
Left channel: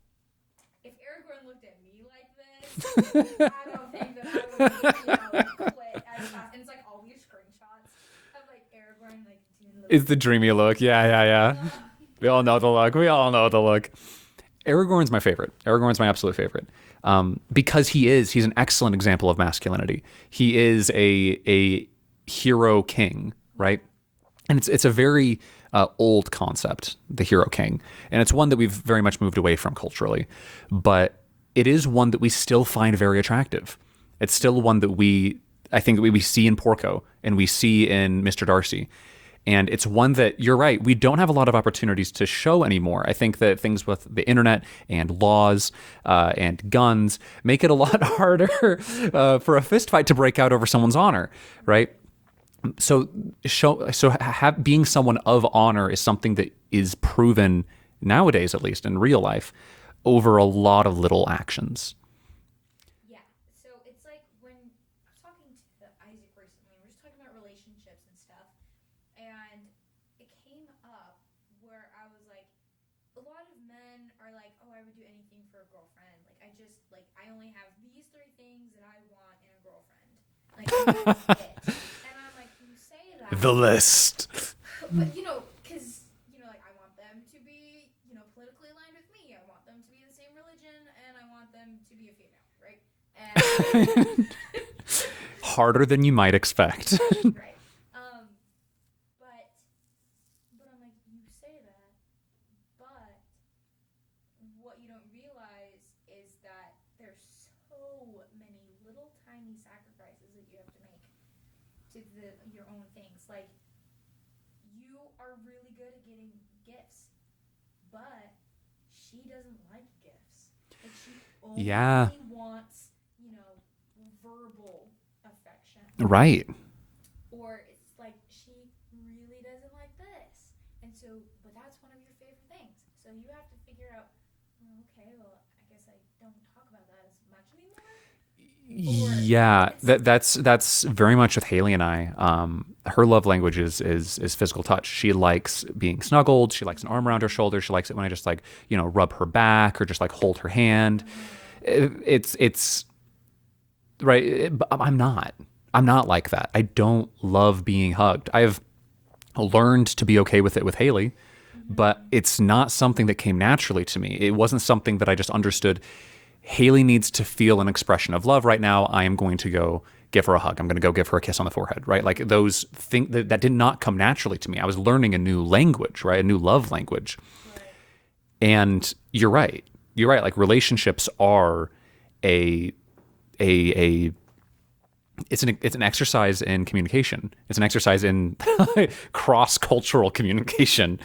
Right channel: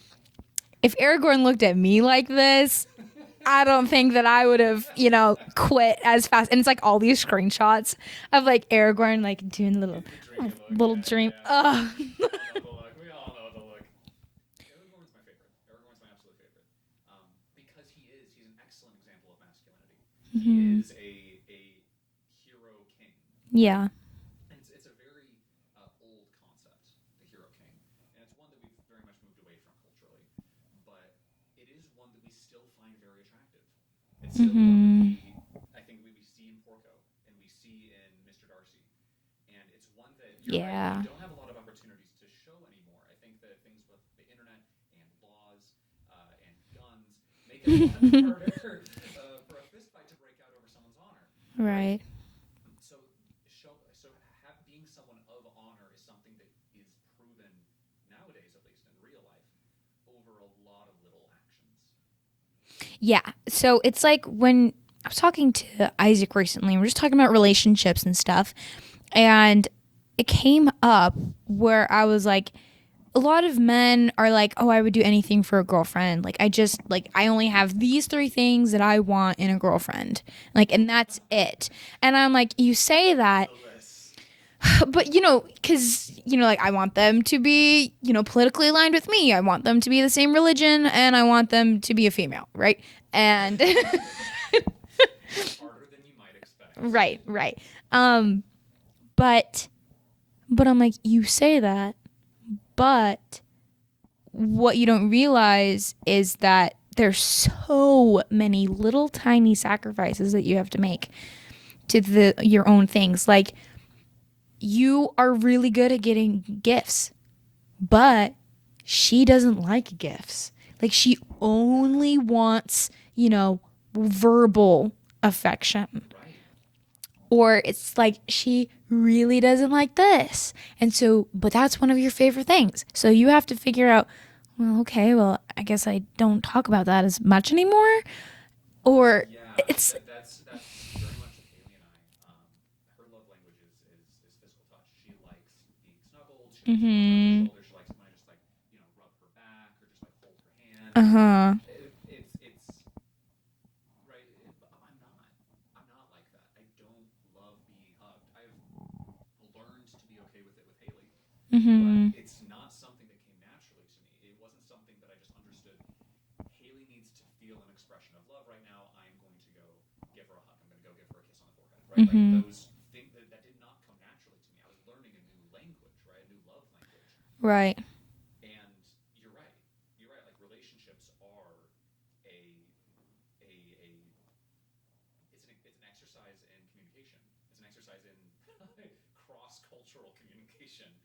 if Aragorn looked at me like this, I don't think that I would have, quit as fast. And it's like all these screenshots of like Aragorn like doing the little... It's the dreamy look. Yeah. We all know the look. Aragorn's my favorite. Aragorn's my absolute favorite. Because he's an excellent example of masculinity. He is a hero king, right? Yeah. And it's a very old concept, the hero king, and it's one that we've very much moved away from culturally, but it is one that we still find very attractive. It's still one that I think we see in Porco and we see in Mr. Darcy, and it's one that you're right, we don't have a lot of opportunities to show anymore. I think that things with the internet and laws and guns make it a lot harder for a fist fight to break out over someone's honor, right? So being someone of honor is something that is proven nowadays, at least in real life, over a lot of little actions. Yeah. So it's like when I was talking to Isaac recently, we were just talking about relationships and stuff, and it came up where I was like, a lot of men are like, oh, I would do anything for a girlfriend. Like, I only have these 3 things that I want in a girlfriend. Like, and that's it. And I'm like, you say that. The list. But, because, like, I want them to be, politically aligned with me. I want them to be the same religion, and I want them to be a female, right? And harder than you might expect. Right. But I'm like, you say that. But what you don't realize is that there's so many little tiny sacrifices that you have to make to your own things. Like, you are really good at getting gifts, but she doesn't like gifts. Like, she only wants, verbal affection. Right. Or it's like, she really doesn't like this. And so, but that's one of your favorite things. So you have to figure out, well, okay, well, I guess I don't talk about that as much anymore. Or that's very much with Haley and I. Her love language is physical touch. She likes being snuggled. She likes an arm around her shoulder. She likes it when I just rub her back or just hold her hand. It's right. But I'm not like that. I don't love being hugged. I've learned to be okay with it with Haley, but it's not something that came naturally to me. It wasn't something that I just understood. Haley needs to feel an expression of love right now. I am going to go give her a hug. I'm going to go give her a kiss on the forehead, right? Like, those things that did not come naturally to me. I was learning a new language, right? A new love language. Right. And you're right. Like, relationships are it's an exercise in communication. It's an exercise in cross-cultural communication.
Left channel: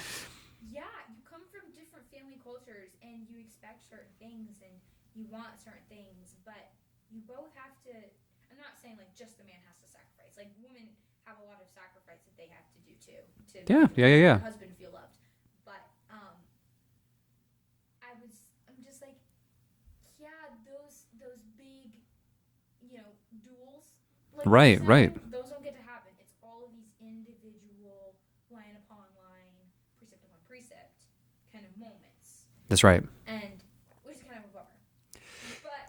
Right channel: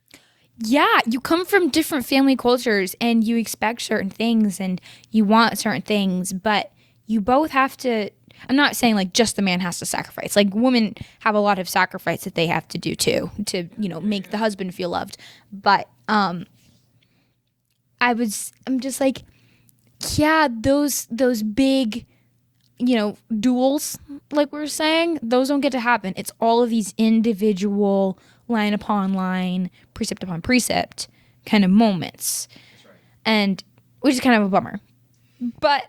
Yeah, you come from different family cultures and you expect certain things and you want certain things, but you both have to. I'm not saying like just the man has to sacrifice. Like, women have a lot of sacrifice that they have to do too to make the husband feel loved. But I'm just like, yeah, those big duels, like we're saying, those don't get to happen. It's all of these individual line upon line, precept upon precept kind of moments. That's right. And which is kind of a bummer. But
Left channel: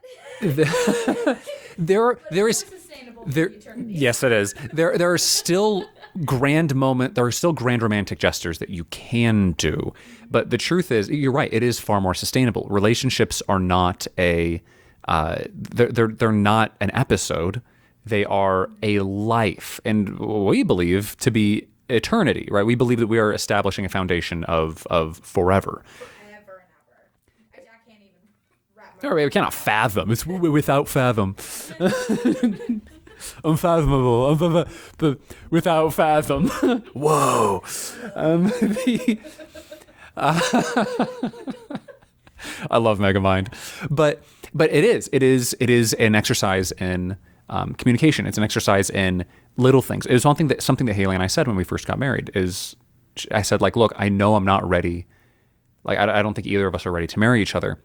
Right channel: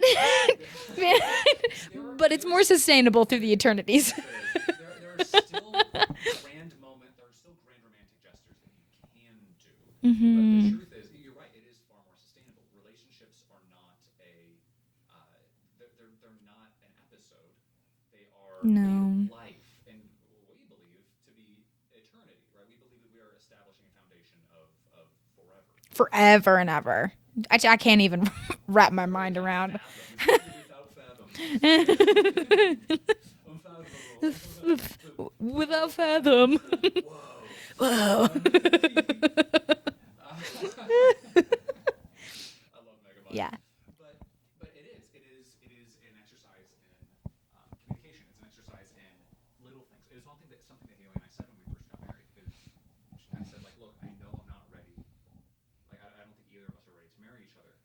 but it's more sustainable through the eternities. Yes, it is. There are still grand romantic gestures that you can do. But the truth is, you're right, it is far more sustainable. Relationships are not they're not an episode. They are a life. And we believe to be eternity, right? We believe that we are establishing a foundation of forever. Forever and ever. I can't even wrap my mind around. I cannot fathom. It's without fathom. Unfathomable. Without fathom. Whoa. I love Megamind. Yeah. But it is an exercise in communication. It's an exercise in little things. It was something that Haley and I said when we first got married. I said, like, look, I know I'm not ready. Like, I don't think either of us are ready to marry each other.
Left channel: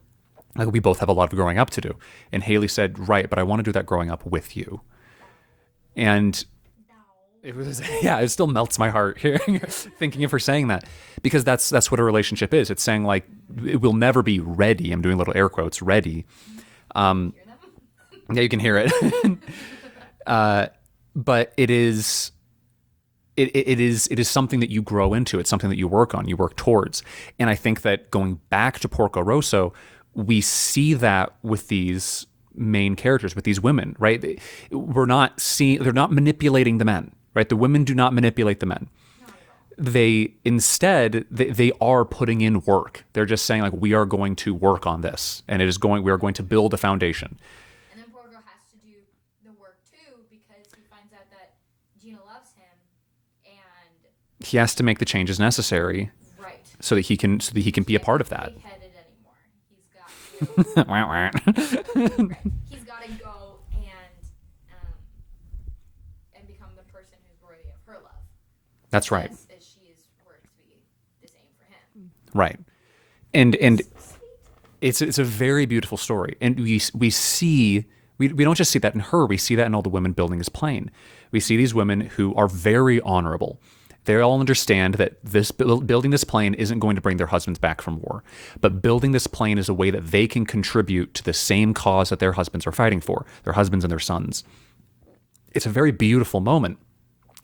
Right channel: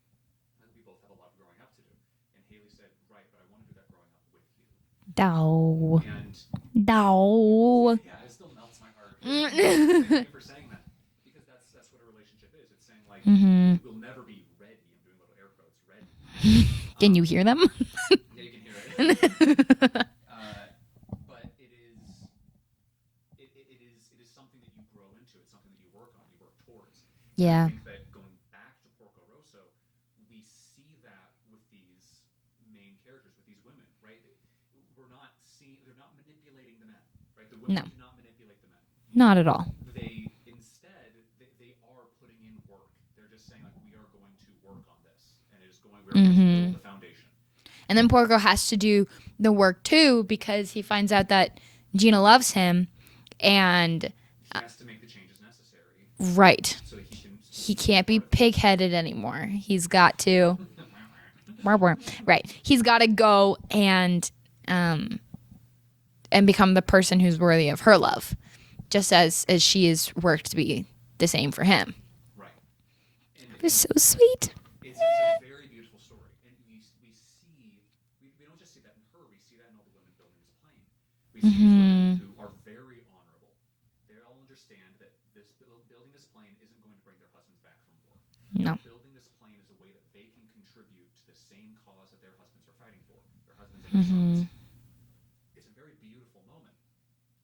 Like, we both have a lot of growing up to do. And Haley said, right, but I want to do that growing up with you. Dow. And it still melts my heart here thinking of her saying that, because that's what a relationship is. It's saying, like, it will never be ready. I'm doing little air quotes, ready. Did you hear them? Yeah, you can hear it. But it is something that you grow into. It's something that you work on, you work towards. And I think that going back to Porco Rosso, we see that with these main characters, with these women, right? They're not manipulating the men, right? The women do not manipulate the men. Not at all. They are putting in work. They're just saying, like, we are going to work on this, and we are going to build a foundation. And then Porco has to do the work too, because he finds out that Gina loves him, and he has to make the changes necessary, right? So that he can be a part of that. He can't be pig-headed anymore. He's got to right. He's got to go and become the person who's worthy of her love, just as she has worked to be the same for him. Right, and so sweet. It's a very beautiful story, and we don't just see that in her. We see that in all the women building this plane. We see these women who are very honorable. They all understand that building this plane isn't going to bring their husbands back from war, but building this plane is a way that they can contribute to the same cause that their husbands are fighting for, their husbands and their sons. It's a very beautiful moment.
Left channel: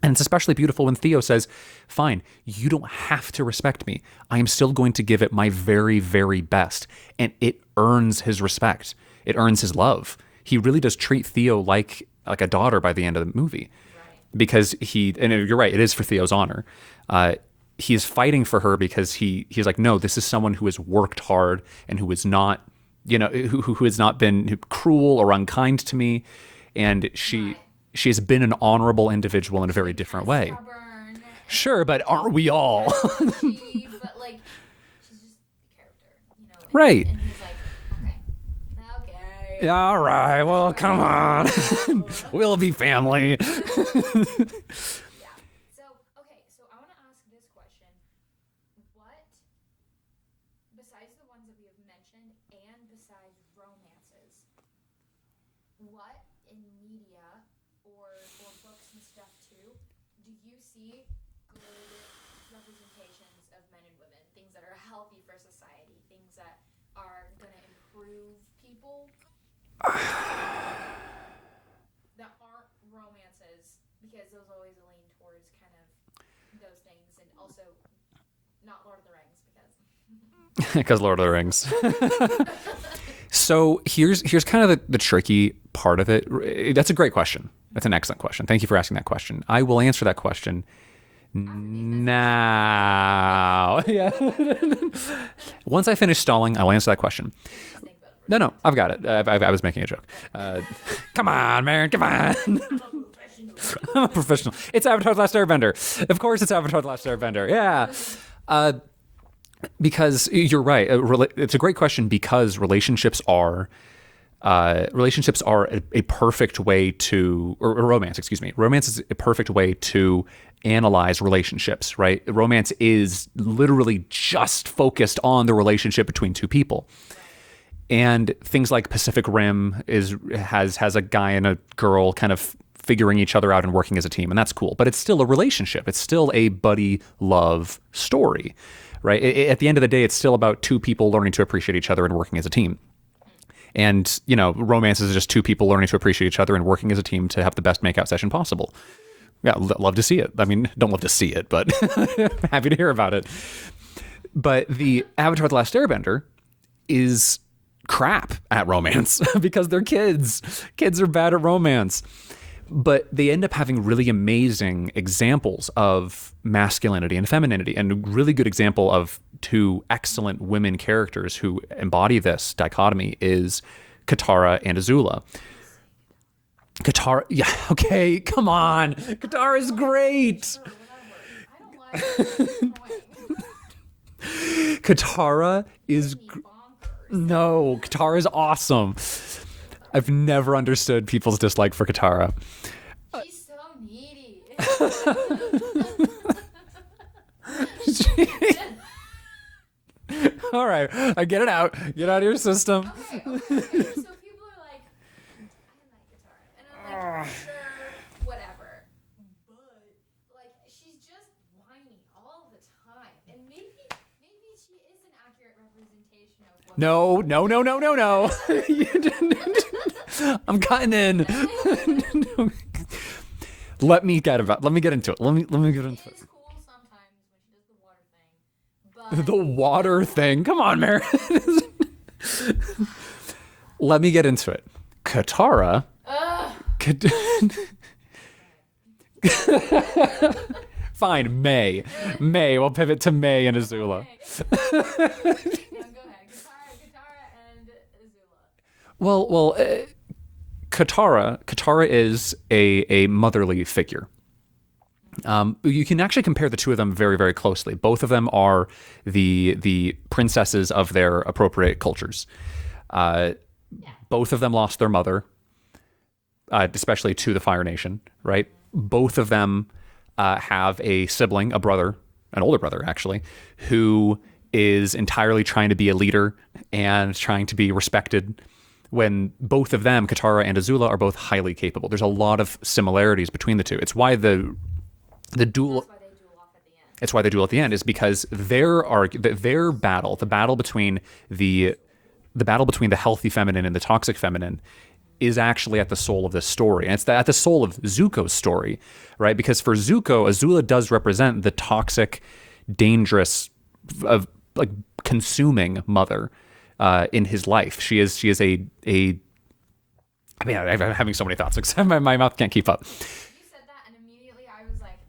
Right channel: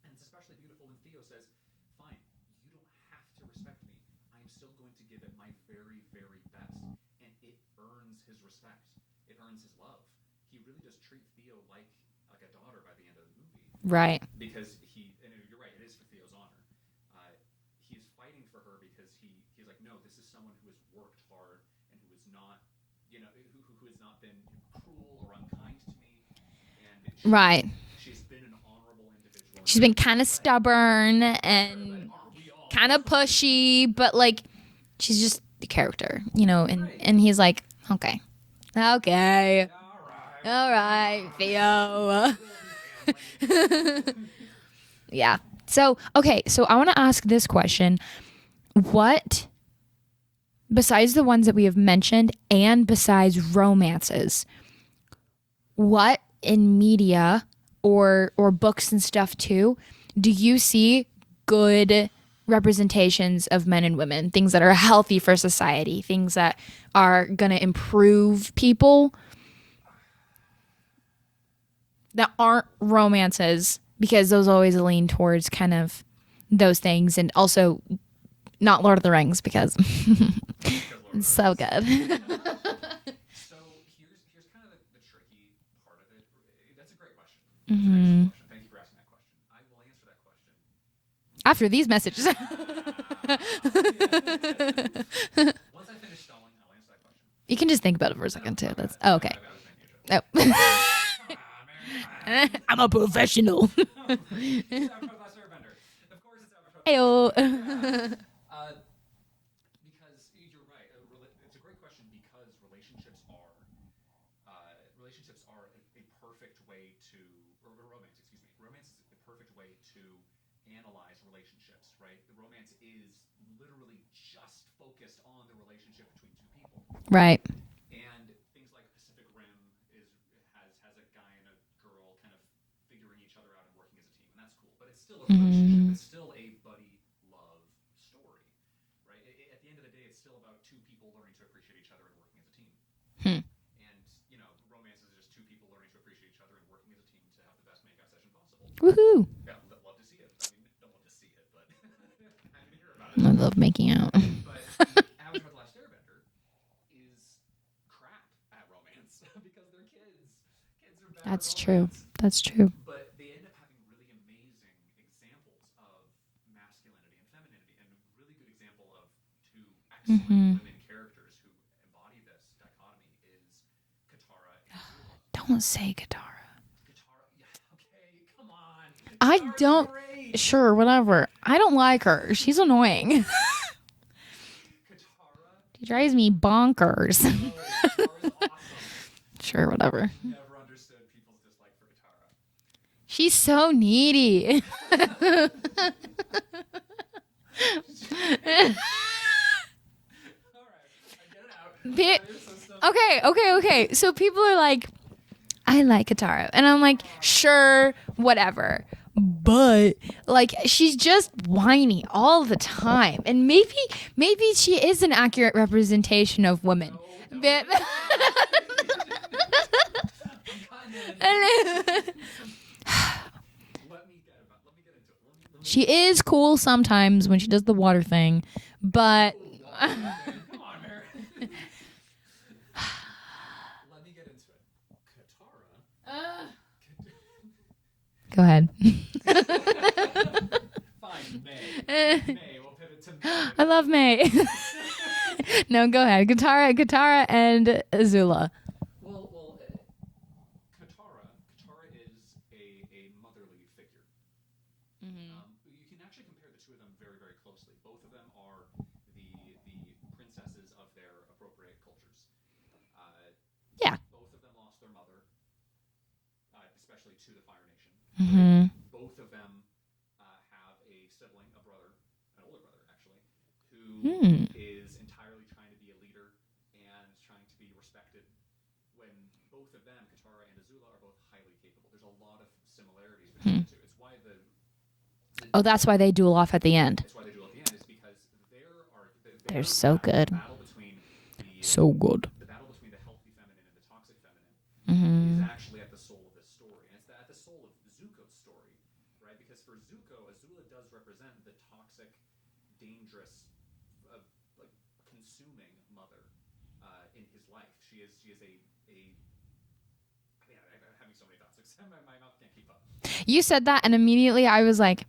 And it's especially beautiful when Theo says, fine, you don't have to respect me. I am still going to give it my very, very best. And it earns his respect. It earns his love. He really does treat Theo like a daughter by the end of the movie. Right. Because and you're right, it is for Theo's honor. he's fighting for her because he's like, no, this is someone who has worked hard and who is not, who has not been cruel or unkind to me, and she has been an honorable individual in a very different way. She's been kind of stubborn. And sure, but aren't we all? Kind of pushy, but like she's just the character, and, right? And he's like, okay. All right. Well, come on. We'll be family. Yeah. So I want to ask this question. What, besides the ones that we have mentioned and besides romances, what in media or books and stuff too, do you see good representations of men and women, things that are healthy for society, things that are going to improve people that aren't romances, because those always lean towards kind of those things, and also not Lord of the Rings because Lord of the Rings. So good. So here's kind of the tricky part of it. That's a great question. That's an excellent question. Thank you for asking that question. I will answer that question after these messages. Now. Once I finish stalling, I'll answer that question. You can just think about it for a second. No, I've got it. Oh, okay. I was making a joke. Oh. Come on, man. Come on. I'm a professional. It's Avatar: The Last Airbender. Of course it's Avatar: The Last Airbender. Yeah. Because you're right. It's a great question, because relationships are a perfect way to, or romance, excuse me. Romance is a perfect way to analyze relationships, right? Romance is literally just focused on the relationship between two people. Right. And things like Pacific Rim has a guy and a girl kind of figuring each other out and working as a team, and that's cool. But it's still a relationship. It's still a buddy love story, right? At the end of the day, it's still about two people learning to appreciate each other and working as a team. And, romance is just two people learning to appreciate each other and working as a team to have the best makeout session possible. Woohoo. Yeah, love to see it. I mean, don't love to see it, but happy to hear about it. I love making out. But the Avatar: The Last Airbender is crap at romance because they're kids. Kids are bad at romance. That's true. But they end up having really amazing examples of masculinity and femininity, and a really good example of two excellent women characters who embody this dichotomy is Katara and Azula. Don't say Katara. Katara, yeah, okay, come on. Katara's great. Sure, whatever. I don't like her. She's annoying. Katara drives me bonkers. No, Katara's awesome. Sure, whatever. I've never understood people's dislike for Katara. She's so needy. All right, I get it out. Get out of your system. Okay. So people are like, I like Katara. And I'm like, sure, whatever. But like, she's just whiny all the time. And maybe she is an accurate representation of women. No. I'm cutting in. Let me get into it. She is cool sometimes when she does the water thing, but the water thing. Come on, Mary. Let me get into it. Katara. Go ahead. Fine, May. We'll pivot to May and Azula. I love May. No, go ahead. Katara and Azula. Well, Katara is a motherly figure. You can actually compare the two of them very, very closely. Both of them are the princesses of their appropriate cultures. Both of them lost their mother, especially to the Fire Nation, right? Both of them have a sibling, a brother, an older brother actually, who is entirely trying to be a leader and trying to be respected, when both of them, Katara and Azula, are both highly capable. There's a lot of similarities between the two. It's why the duel, that's why they duel off at the end. It's why they duel at the end, is because their battle, the battle between the battle between the healthy feminine and the toxic feminine, is actually at the soul of this story, and it's at the soul of Zuko's story, right? Because for Zuko, Azula does represent the toxic, dangerous, of like consuming mother in his life. She is a. I mean, I'm having so many thoughts. My mouth can't keep up. You said that, and immediately I was like,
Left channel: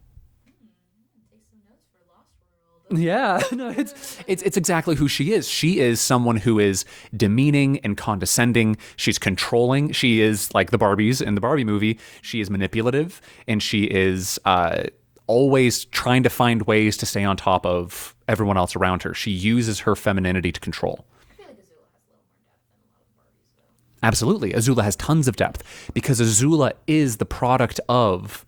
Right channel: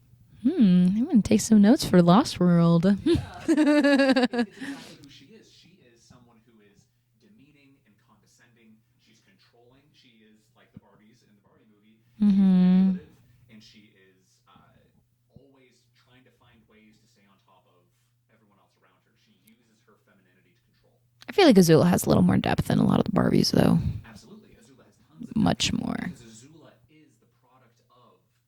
I'm gonna take some notes for Lost World. Yeah, it's exactly who she is. She is someone who is demeaning and condescending. She's controlling. She is like the Barbies in the Barbie movie. She is manipulative, and she is always trying to find ways to stay on top of everyone else around her. She uses her femininity to control. I feel like Azula has a little more depth than a lot of the Barbies, though. Absolutely, Azula has tons of depth. Much more. Because Azula is the product of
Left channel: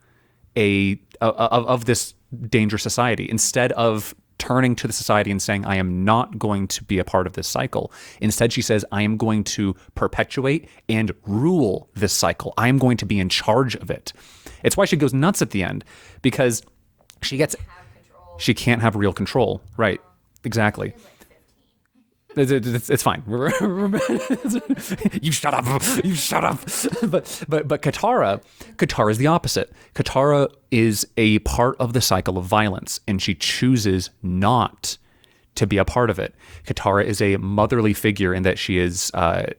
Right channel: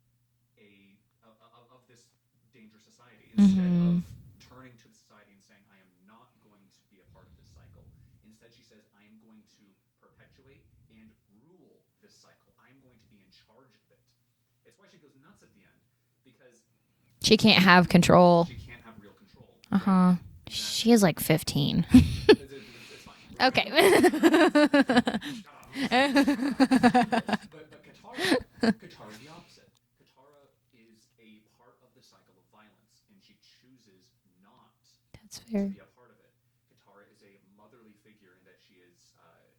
of this dangerous society. Instead of turning to the society and saying, I am not going to be a part of this cycle. Instead, she says, I am going to perpetuate and rule this cycle. I am going to be in charge of it. It's why she goes nuts at the end, because she can't have control. She can't have real control. Right. Exactly. She is like 15. It's fine. Okay. You shut up. You shut up. But Katara is the opposite. Katara is a part of the cycle of violence, and she chooses not to be a part of it. Katara is a motherly figure in that she is not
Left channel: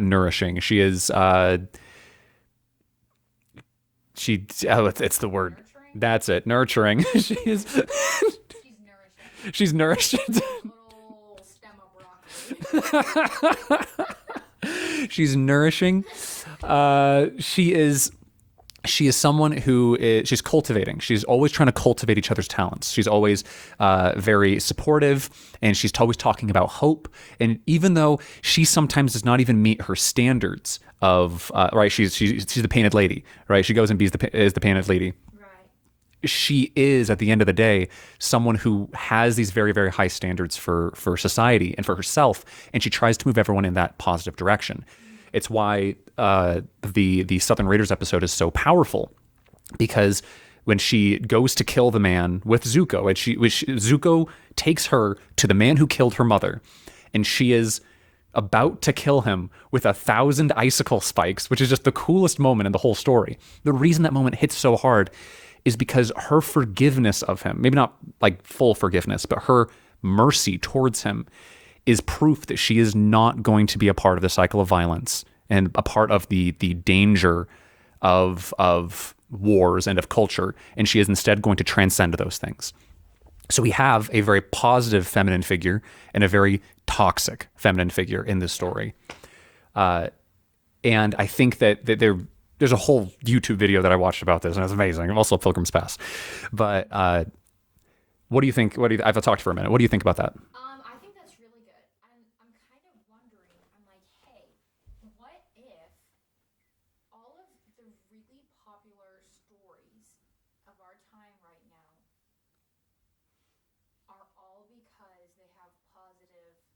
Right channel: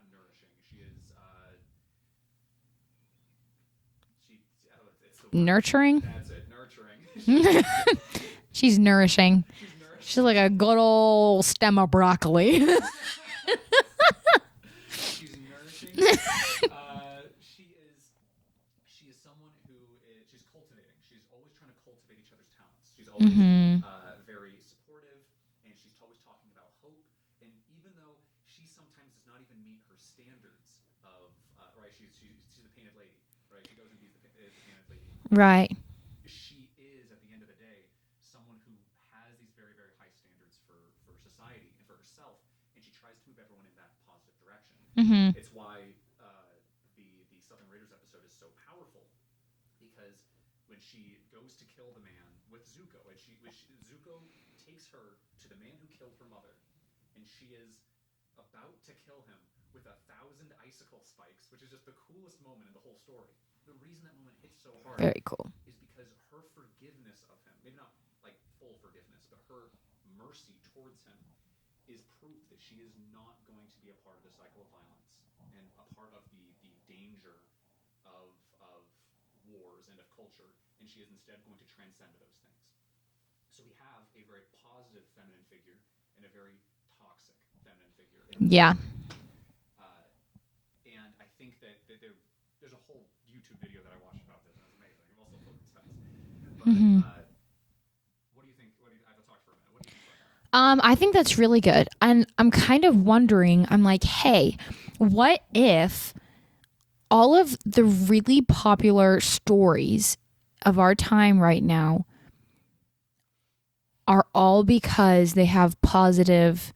nourishing. She is it's the word. Nurturing? That's it. Nurturing. She's nourishing. She's nourished. She's like a good old stem of broccoli. She's nourishing. She is someone who she's cultivating. She's always trying to cultivate each other's talents. She's always very supportive, and she's always talking about hope. And even though she sometimes does not even meet her standards of right, she's the painted lady, right? She goes and is the painted lady, right? She is, at the end of the day, someone who has these very, very high standards for society and for herself, and she tries to move everyone in that positive direction. It's why the Southern Raiders episode is so powerful, because when she goes to kill the man with Zuko, and Zuko takes her to the man who killed her mother, and she is about to kill him with 1,000 icicle spikes, which is just the coolest moment in the whole story. The reason that moment hits so hard is because her forgiveness of him, maybe not like full forgiveness, but her mercy towards him is proof that she is not going to be a part of the cycle of violence and a part of the danger of wars and of culture, and she is instead going to transcend those things. So we have a very positive feminine figure and a very toxic feminine figure in this story. And I think that there's a whole YouTube video that I watched about this, and it's amazing. Also Pilgrim's Pass. But what do you think? I've talked for a minute. What do you think about that? I think that's really good. And I'm kind of wondering, I'm like, hey, what if all of the really popular stories of our time right now are all because they have positive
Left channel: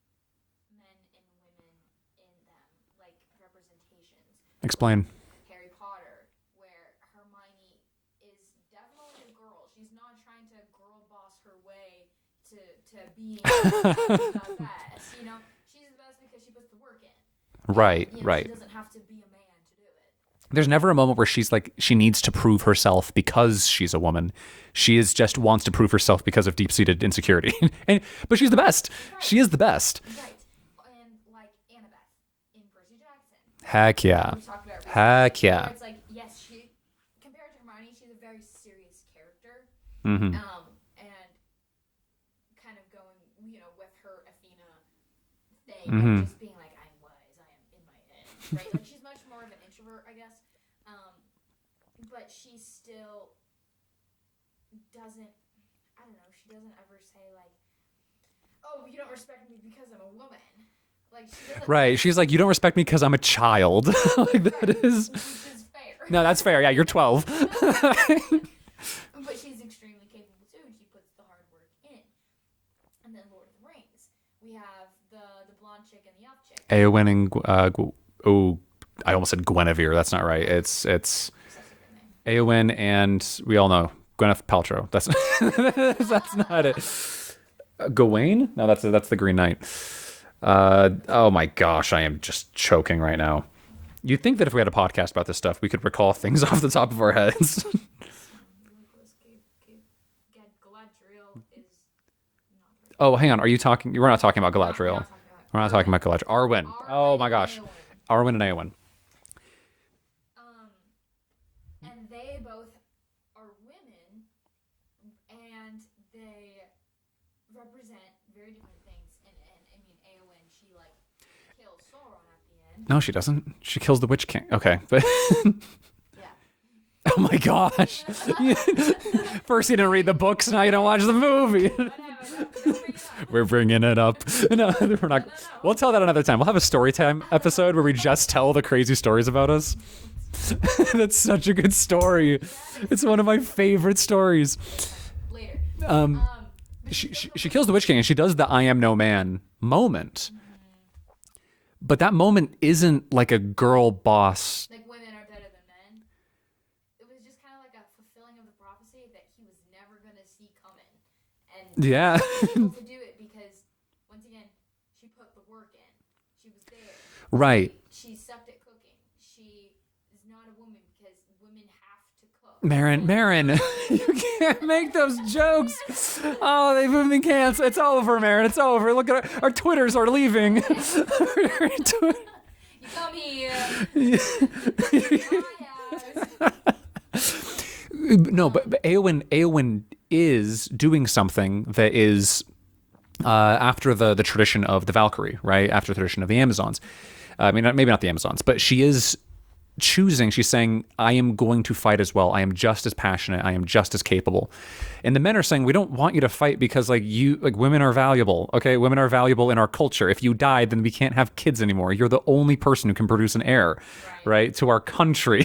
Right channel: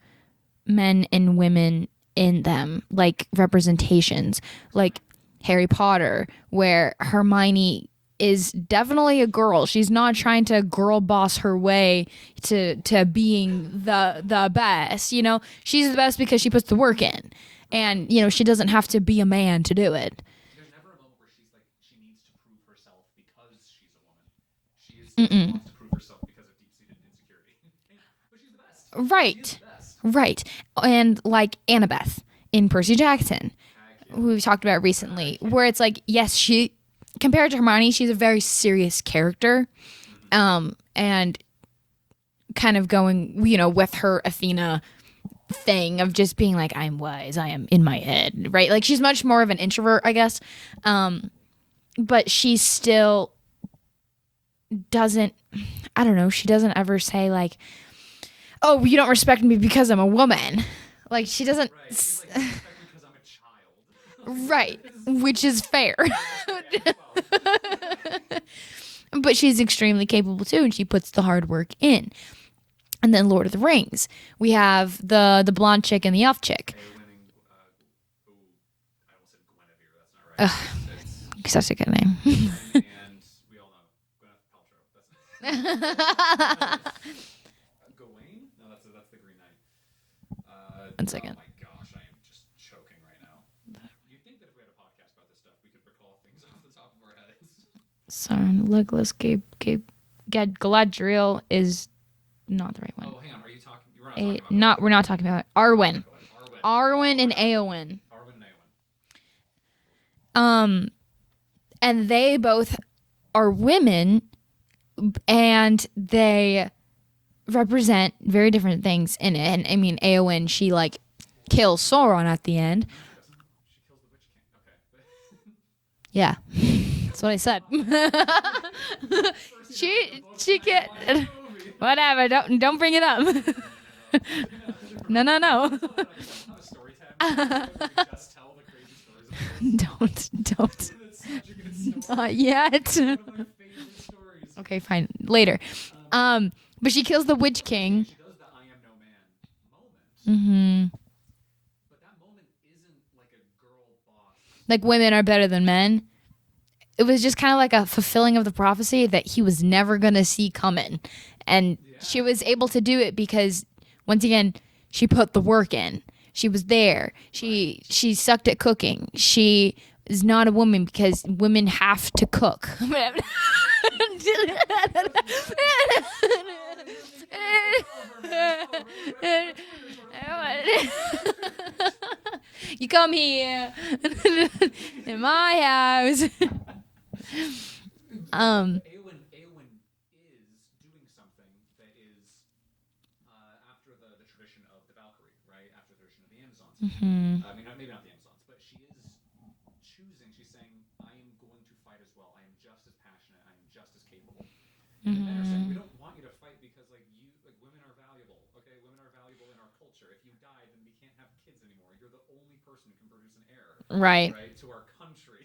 men and women in them, like representations. Explain. Like Harry Potter, where Hermione is definitely a girl. She's not trying to girl boss her way to being the best. You know, she's the best because she puts the work in. And, she doesn't have to be a man to do it. There's never a moment where she's like, she needs to prove herself because she's a woman. She is just wants to prove herself because of deep-seated insecurity. But she's the best. Right. She is the best. Right. And like Annabeth in Percy Jackson. Heck yeah. We talked about recently. Heck yeah. Where it's like, yes, she, compared to Hermione, she's a very serious character. And kind of going, with her Athena thing of just being like, I'm wise, I am in my head, right? Like, she's much more of an introvert, I guess. But she still doesn't, I don't know, she doesn't ever say like, oh, you don't respect me because I'm a woman. Like, she doesn't. Right. She's like, you don't respect me because I'm a child. Right. Which is fair. No, that's fair. Yeah, you're 12. But she's extremely capable too, and she puts the hard work in. And then Lord of the Rings, we have the blonde chick and the elf chick. Eowyn and I almost said Guinevere. That's not right. It's such a good name. Eowyn and we all know Gwyneth Paltrow. That's not it. Gawain? No, that's the Green Knight. Oh my gosh, I am just choking right now. You'd think that if we had a podcast about this stuff, we could recall things off the top of our heads. Sorry, Legolas Galadriel is not the right one. Oh, hang on. Are you talking? We're not talking about Galadriel. We're not talking about Arwen. Arwen. We're not talking about Galadriel. Arwen and Eowyn. Arwen and Eowyn. And they both are women, and they represent very different things in it. And I mean, Eowyn, she like kills Sauron at the end. No, she doesn't. She kills the Witch King. Okay, but Yeah. oh my gosh! First you didn't read the books, now you don't watch the movie. Whatever. Don't bring it up. We're bringing it up. No, we're not. No. We'll tell that another time. We'll have a story time episode where we just tell the crazy stories about us. Don't. That's such a good story. Yeah, it's one of my favorite stories. Okay, fine. Later. But she kills the Witch King. She kills the Witch King, and she does the "I am no man" moment. Mm-hmm. But that moment isn't like a girl boss. Like women are better than men. It was just kind of like a fulfilling of the prophecy that he was never going to see coming. And she was able to do it because, once again, she put the work in. She was there. Right. She sucked at cooking. She is not a woman because women have to cook. Marin, you can't make those jokes. Oh, they've been canceled. It's over, Marin. It's over. Look at our Twitters are leaving. You come here in my house. No, but Eowyn is doing something that is after the tradition of the Valkyrie, right? After the tradition of the Amazons. Mm-hmm. I mean, maybe not the Amazons, but she is choosing. She's saying, "I am going to fight as well. I am just as passionate. I am just as capable." And the men are saying, "We don't want you to fight because women are valuable. Okay, women are valuable in our culture. If you died, then we can't have kids anymore. You're the only person who can produce an heir, right, to our country."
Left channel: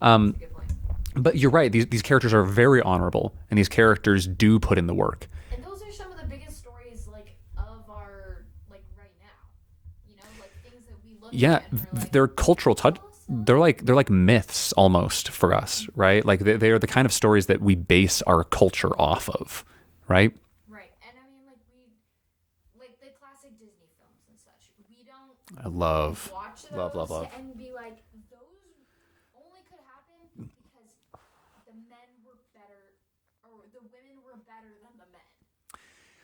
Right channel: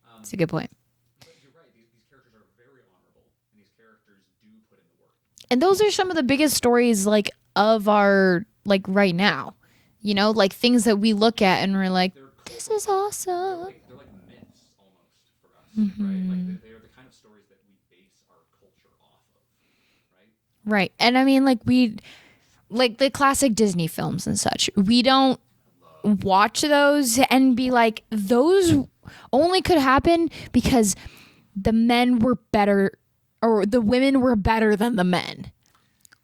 That's a good point. But you're right. These characters are very honorable, and these characters do put in the work. And those are some of the biggest stories of our right now. You know, like things that we look at and we're like, they're cultural touch. Awesome. They're like myths almost for us, right? Like they are the kind of stories that we base our culture off of, right? Right. And I mean, we the classic Disney films and such. We don't watch those and be like, those only could happen because the men were better, or the women were better than the men.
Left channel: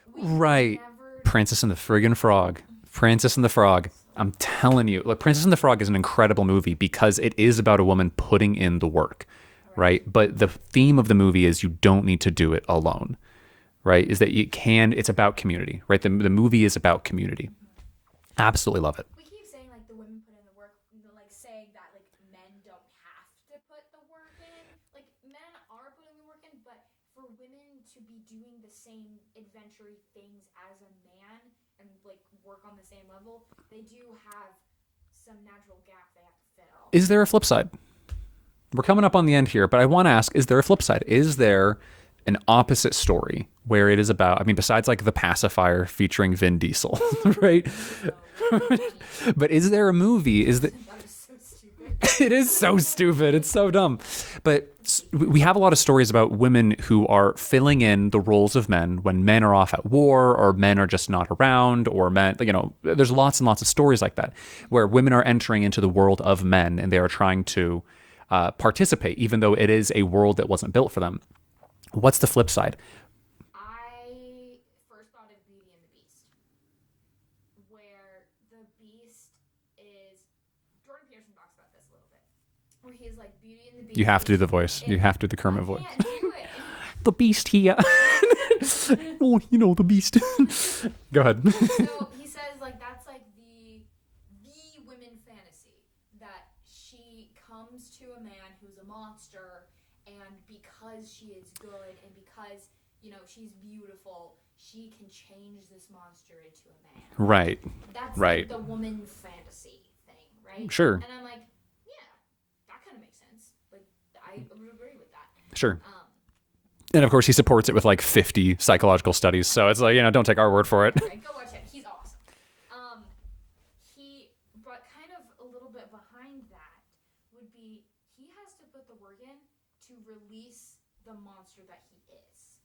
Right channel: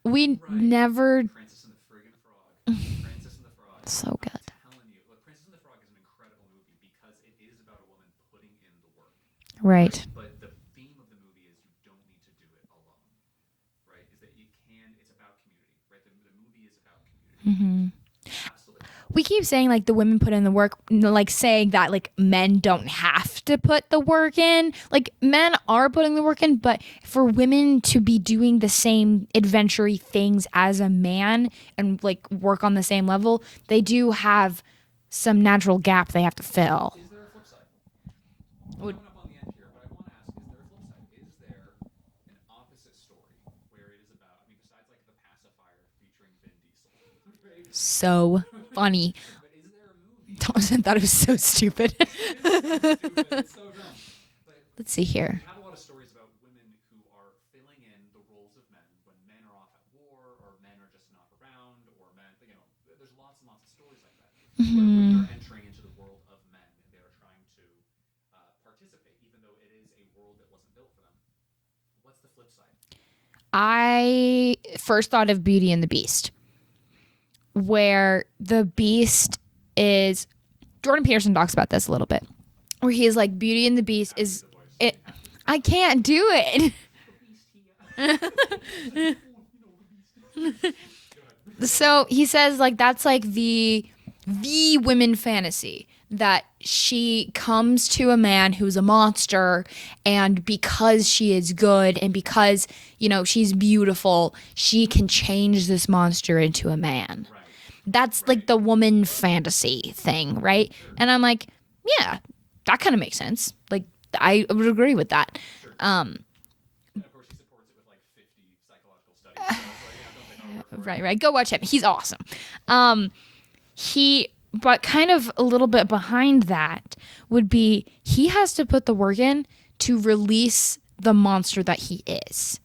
We never. Princess and the friggin' Frog. Princess and the Frog. So I'm telling you, look, Princess and the Frog is an incredible movie because it is about a woman putting in the work. Right. But the theme of the movie is you don't need to do it alone. Right. Is that it's about community. Right. The movie is about community. Mm-hmm. Absolutely love it. We keep saying the women put in the work, saying that men don't have to put the work in. Men are putting the work in, but for women to be doing the same adventure-y things as a man and work on the same level, they do have some natural gap they have to fill. Is there a flip side? We're coming up on the end here, but I want to ask, is there a flip side? Is there an opposite story where it is about, besides The Pacifier featuring Vin Diesel, right? So funny. But is there a movie? I thought it was so stupid. It is so stupid. It's so dumb. But let's see here. We have a lot of stories about women who are filling in the roles of men when men are off at war or men are just not around, or men, there's lots and lots of stories like that where women are entering into the world of men and they are trying to participate, even though it is a world that wasn't built for them. What's the flip side? I first thought of Beauty and the Beast, where the Beast is, Jordan Peterson talks about this a little bit, where he is Beauty and the Beast. You have to do the voice. You have to do the current voice. I can't do it. The Beast here. Oh, the Beast. Go ahead. So he says that's the women fantasy, that she comes to a man who's a monster, and because she is good and because she's beautiful, she can change this monster into a man. Right. That's the woman fantasy thing, right? Sure. And I'm yeah, that kind of makes sense. I would agree with that. Sure. And of course he supports it with 50 psychological studies, so it's don't take our word for it. Right. Go watch him. He's awesome. But kind of a little bit behind that would be he has to put the work in to release the monster that he is.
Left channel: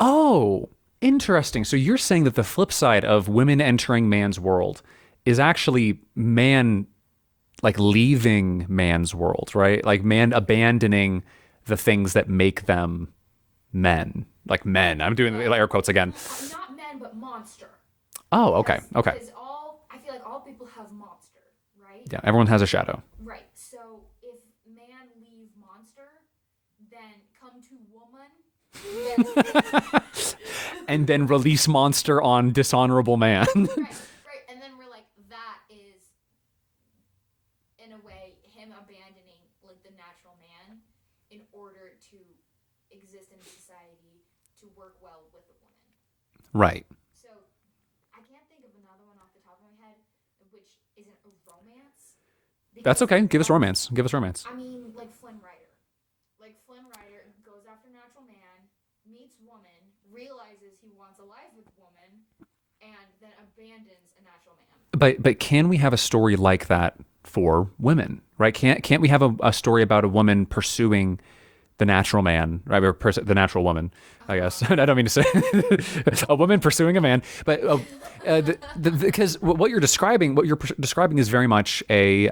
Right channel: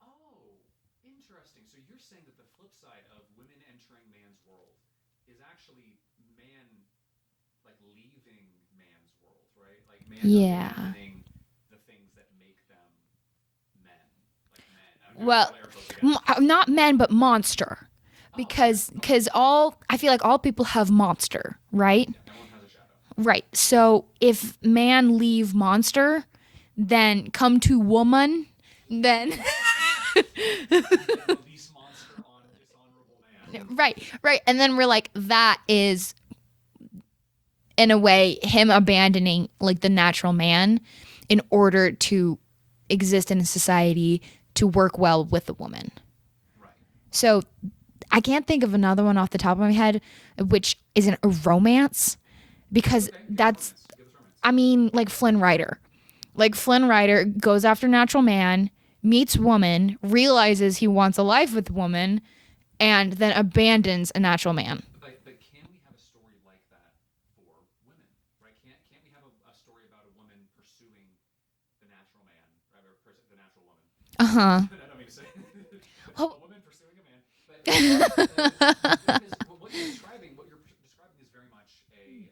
Oh, interesting. So you're saying that the flip side of women entering man's world is actually man, leaving man's world, right? Man abandoning the things that make them men. Men. I'm doing air quotes again. Not men, but monster. Oh, okay. Because I feel like all people have monster, right? Yeah, everyone has a shadow. Right. So if man leave monster, then come to woman, then And then release monster on dishonorable man. right. And then we're like, that is in a way him abandoning like the natural man in order to exist in a society to work well with the woman. Right. So I can't think of another one off the top of my head, which isn't a romance. Because That's okay. Give us romance. I mean, like Flynn Rider. Like Flynn Rider goes after natural man, meets woman, realizes he wants a life with woman, and then abandons a natural man. But can we have a story like that for women? Right? Can't we have a story about a woman pursuing the natural man, right? Or the natural woman, I guess. I don't mean to say a woman pursuing a man, but because what you're describing is very much is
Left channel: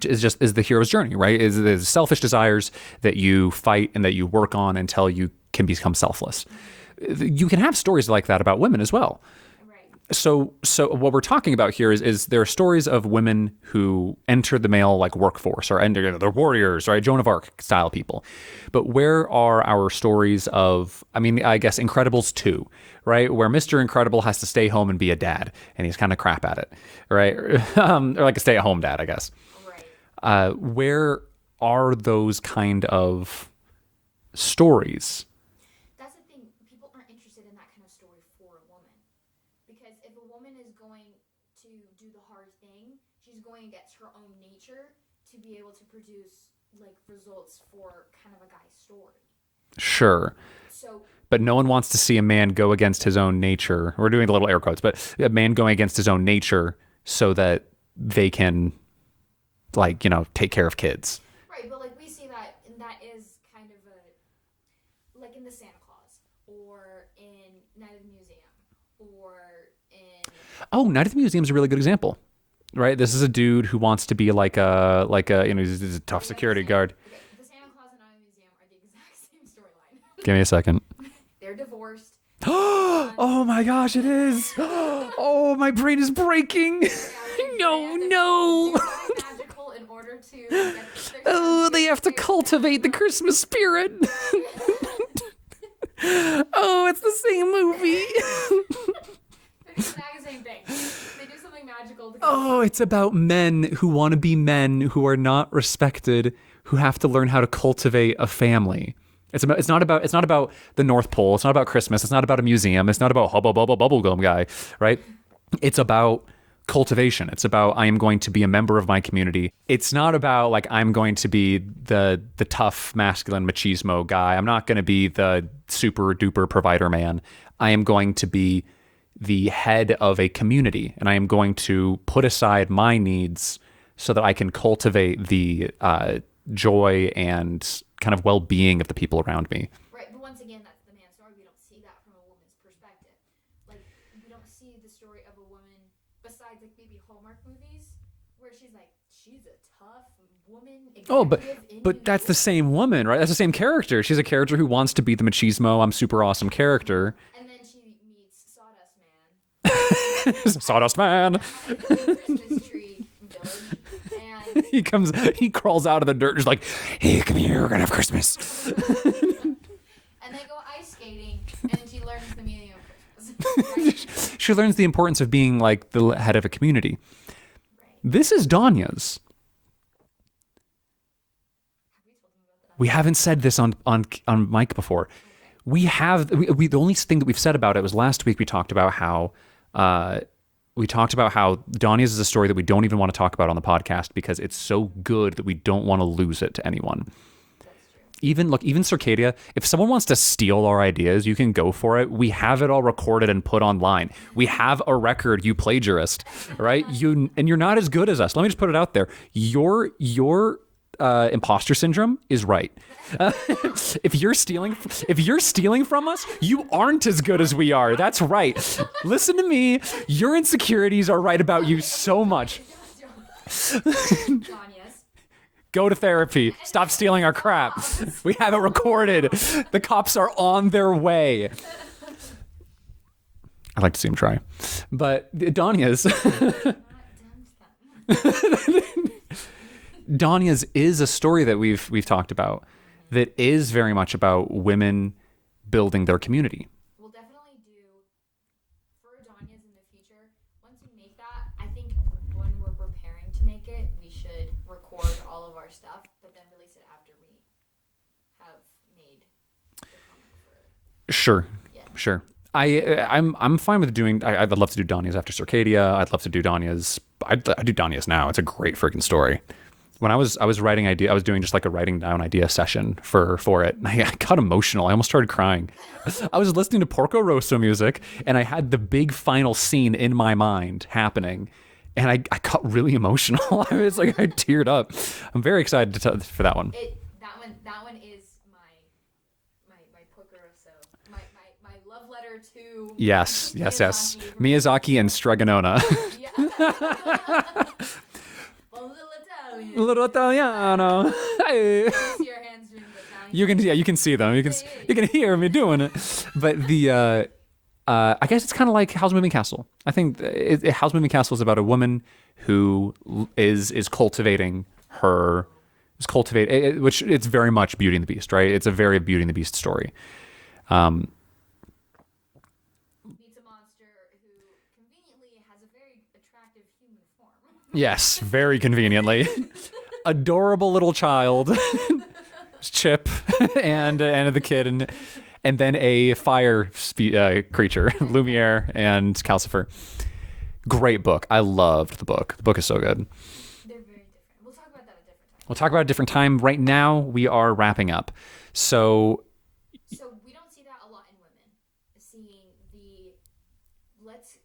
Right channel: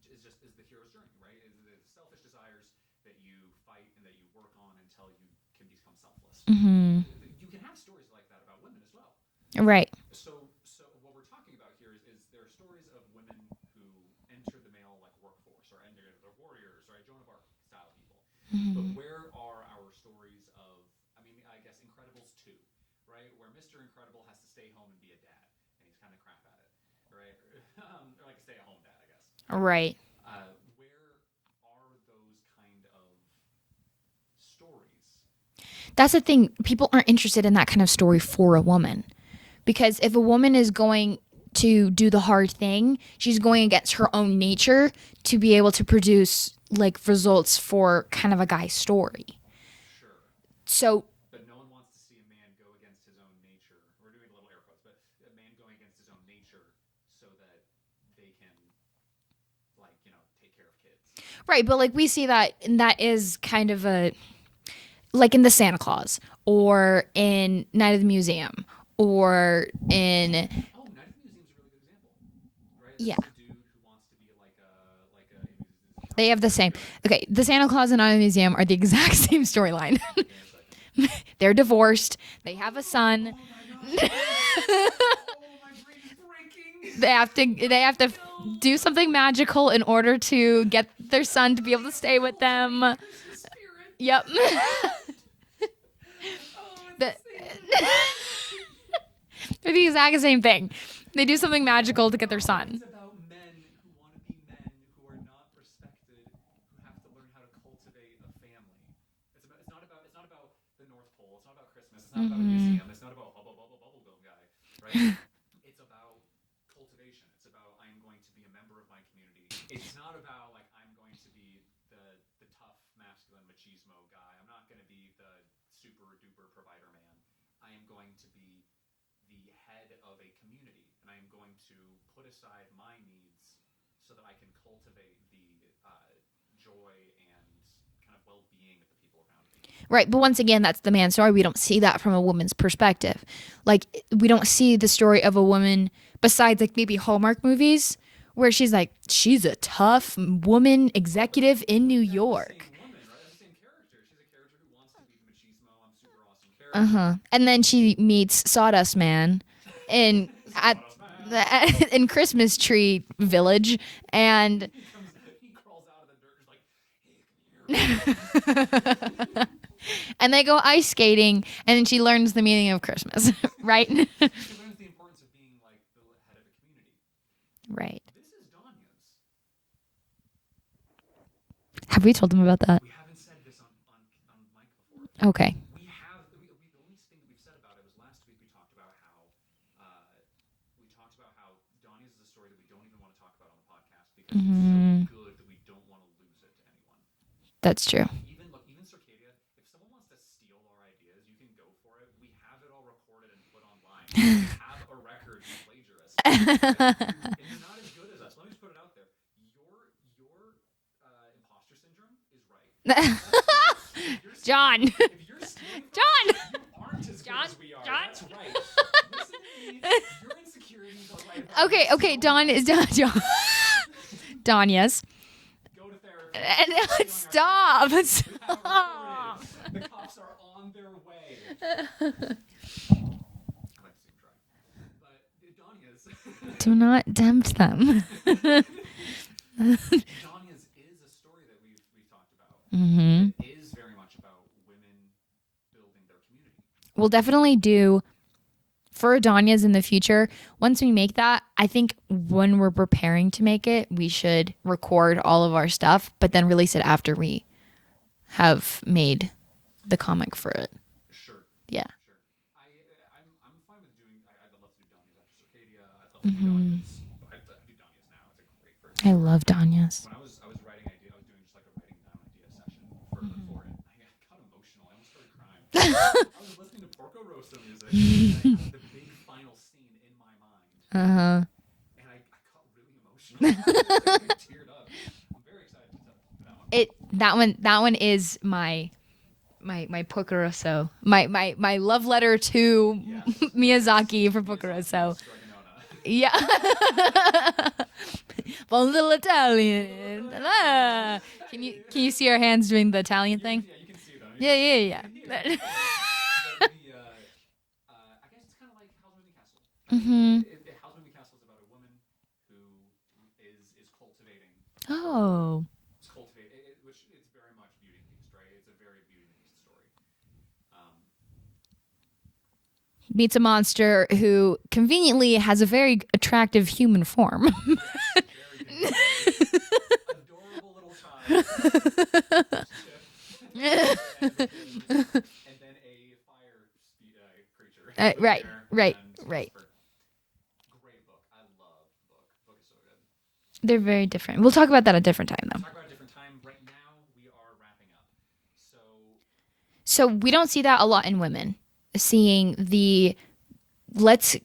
the hero's journey, right? Is selfish desires that you fight and that you work on until you can become selfless. You can have stories like that about women as well. Right. So what we're talking about here is there are stories of women who enter the male like workforce or enter, they're warriors, right? Joan of Arc style people. But where are our stories of, I mean, I guess Incredibles 2, right? Where Mr. Incredible has to stay home and be a dad and he's kind of crap at it, right? Or like a stay-at-home dad, I guess. Right. Where are those kind of stories? That's the thing. People aren't interested in that kind of story for a woman. Because if a woman is going to do the hard thing, she's going against her own nature to be able to produce like results for kind of a guy's story. Sure. So, but no one wants to see a man go against his own nature. We're doing the little air quotes, but a man going against his own nature so that they can, like, you know, take care of kids. Right. But like we see that, and that is kind of like in the Santa Claus or in Night of the Museum. Or in Night at the Museum is a really good example, right? This is a dude who wants to be like a you know, he's a tough security guard. Okay, the Santa Claus and Night of the Museum are the exact same storyline. Give me a second. They're divorced. They have a son. Oh my gosh, it is. Oh, my brain is breaking. They have to do something magical in order to get their son to be able to stay with them. They have to cultivate the Christmas spirit. Yep. Oh, it's the same movie. They're the exact same thing. They do something magical to get their son. Oh, it's about men who want to be men who are not respected, who have to learn how to cultivate a family. It's not about the North Pole. It's not about Christmas. It's not about a museum. It's not about Hubba Bubba Bubblegum guy, right? It's about cultivation. It's about I am going to be a member of my community. It's not about like I'm going to be the tough masculine machismo guy. I'm not going to be the super duper provider man. I am going to be the head of a community, and I am going to put aside my needs so that I can cultivate the joy and kind of well-being of the people around me. Right, but once again, that's the man's story. We don't see that from a woman's perspective. Like, we don't see the story of a woman besides like maybe Hallmark movies where she's like, she's a tough woman executive in New York. But that's the same woman, right? That's the same character. She's a character who wants to be the machismo, I'm super awesome character. And then she meets Sawdust Man in Sawdust Man in Christmas Tree Village, and he crawls out of the dirt, just like, hey, come here, we're gonna have Christmas. And they go ice skating, and then she learns the meaning of Christmas, right? She learns the importance of being like the head of a community. Right. This is Danya's. Have we told them about that? We haven't said this on mic before. Okay. We have. We the only thing that we've said about it was last week. We talked about how Danya's is a story that we don't even want to talk about on the podcast because it's so good that we don't want to lose it to anyone. That's true. Even Circadia, if someone wants to steal our ideas, you can go for it. We have it all recorded and put online. We have a record, you plagiarist, right? And you're not as good as us. Let me just put it out there. Your imposter syndrome is right. If you're stealing from us, you aren't as good as we are. That's right. Listen to me. Your insecurities are right about you so much. Danya's. Go to therapy. Stop stealing our crap. We have it recorded. The cops are on their way. I'd like to see him try. But Danya's Do not tempt them. Danya's is a story that we've talked about that is very much about women building their community. We'll definitely do for Danya's in the future. Once we make that, I think when we're preparing to make it, we should record all of our stuff, but then release it after we have made the comic for it. Sure. Yeah. Sure. I'm fine with doing. I'd love to do Danya's after Circadia. I'd love to do Danya's. I'd do Danya's now. It's a great freaking story. I love Danya's. When I was writing idea, I was doing just like a writing down idea session for it. And I got emotional. I almost started crying. I was listening to Porco Rosso music, and I had the big final scene in my mind happening. And I got really emotional. It's like I teared up. I'm very excited for that one. That one is my Porco Rosso, my love letter to Miyazaki from Miyazaki and Stregonona. Yeah. Bon little Italian. Little Italiano. Hey. Can you see our hands doing the Italian thing? You can see them. You can hear me doing it. But the I guess it's kind of like Howl's Moving Castle. I think Howl's Moving Castle is about a woman who is cultivating her. Is cultivated, which it's very much Beauty and the Beast, right? It's a very Beauty and the Beast story. Meets a monster who conveniently has a very attractive human form. Yes, very conveniently. Adorable little child, Chip, and the kid, and then a fire creature, Lumiere and Calcifer. Great book. I loved the book. The book is so good. They're very different. We'll talk about that at a different time, though. We'll talk about it at a different time. Right now, we are wrapping up. So we don't see that a lot in women. Seeing the let's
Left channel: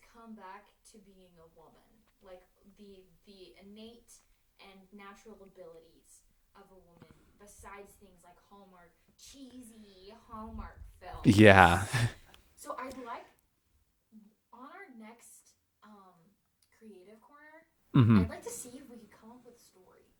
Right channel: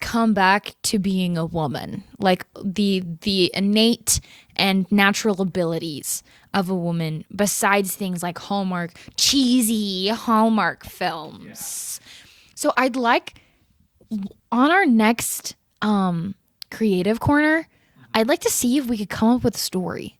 come back to being a woman, like the innate and natural abilities of a woman, besides things like cheesy Hallmark films. Yeah. So I'd like on our next creative corner, I'd like to see if we could come up with a story.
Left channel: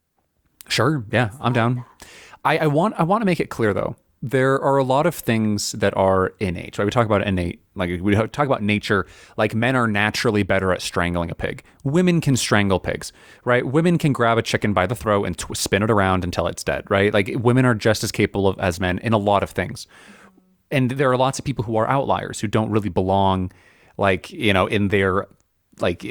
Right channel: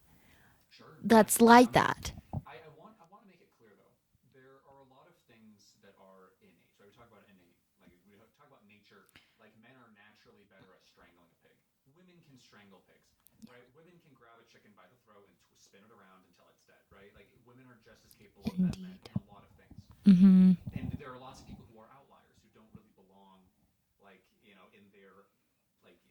Sure. That's I'm down. that. I want to make it clear though. There are a lot of things that are innate, right? We talk about innate, like we talk about nature, like men are naturally better at strangling a pig. Women can strangle pigs, right? Women can grab a chicken by the throat and spin it around until it's dead, right? Like women are just as capable as men in a lot of things. And there are lots of people who are outliers who don't really belong, like, in their like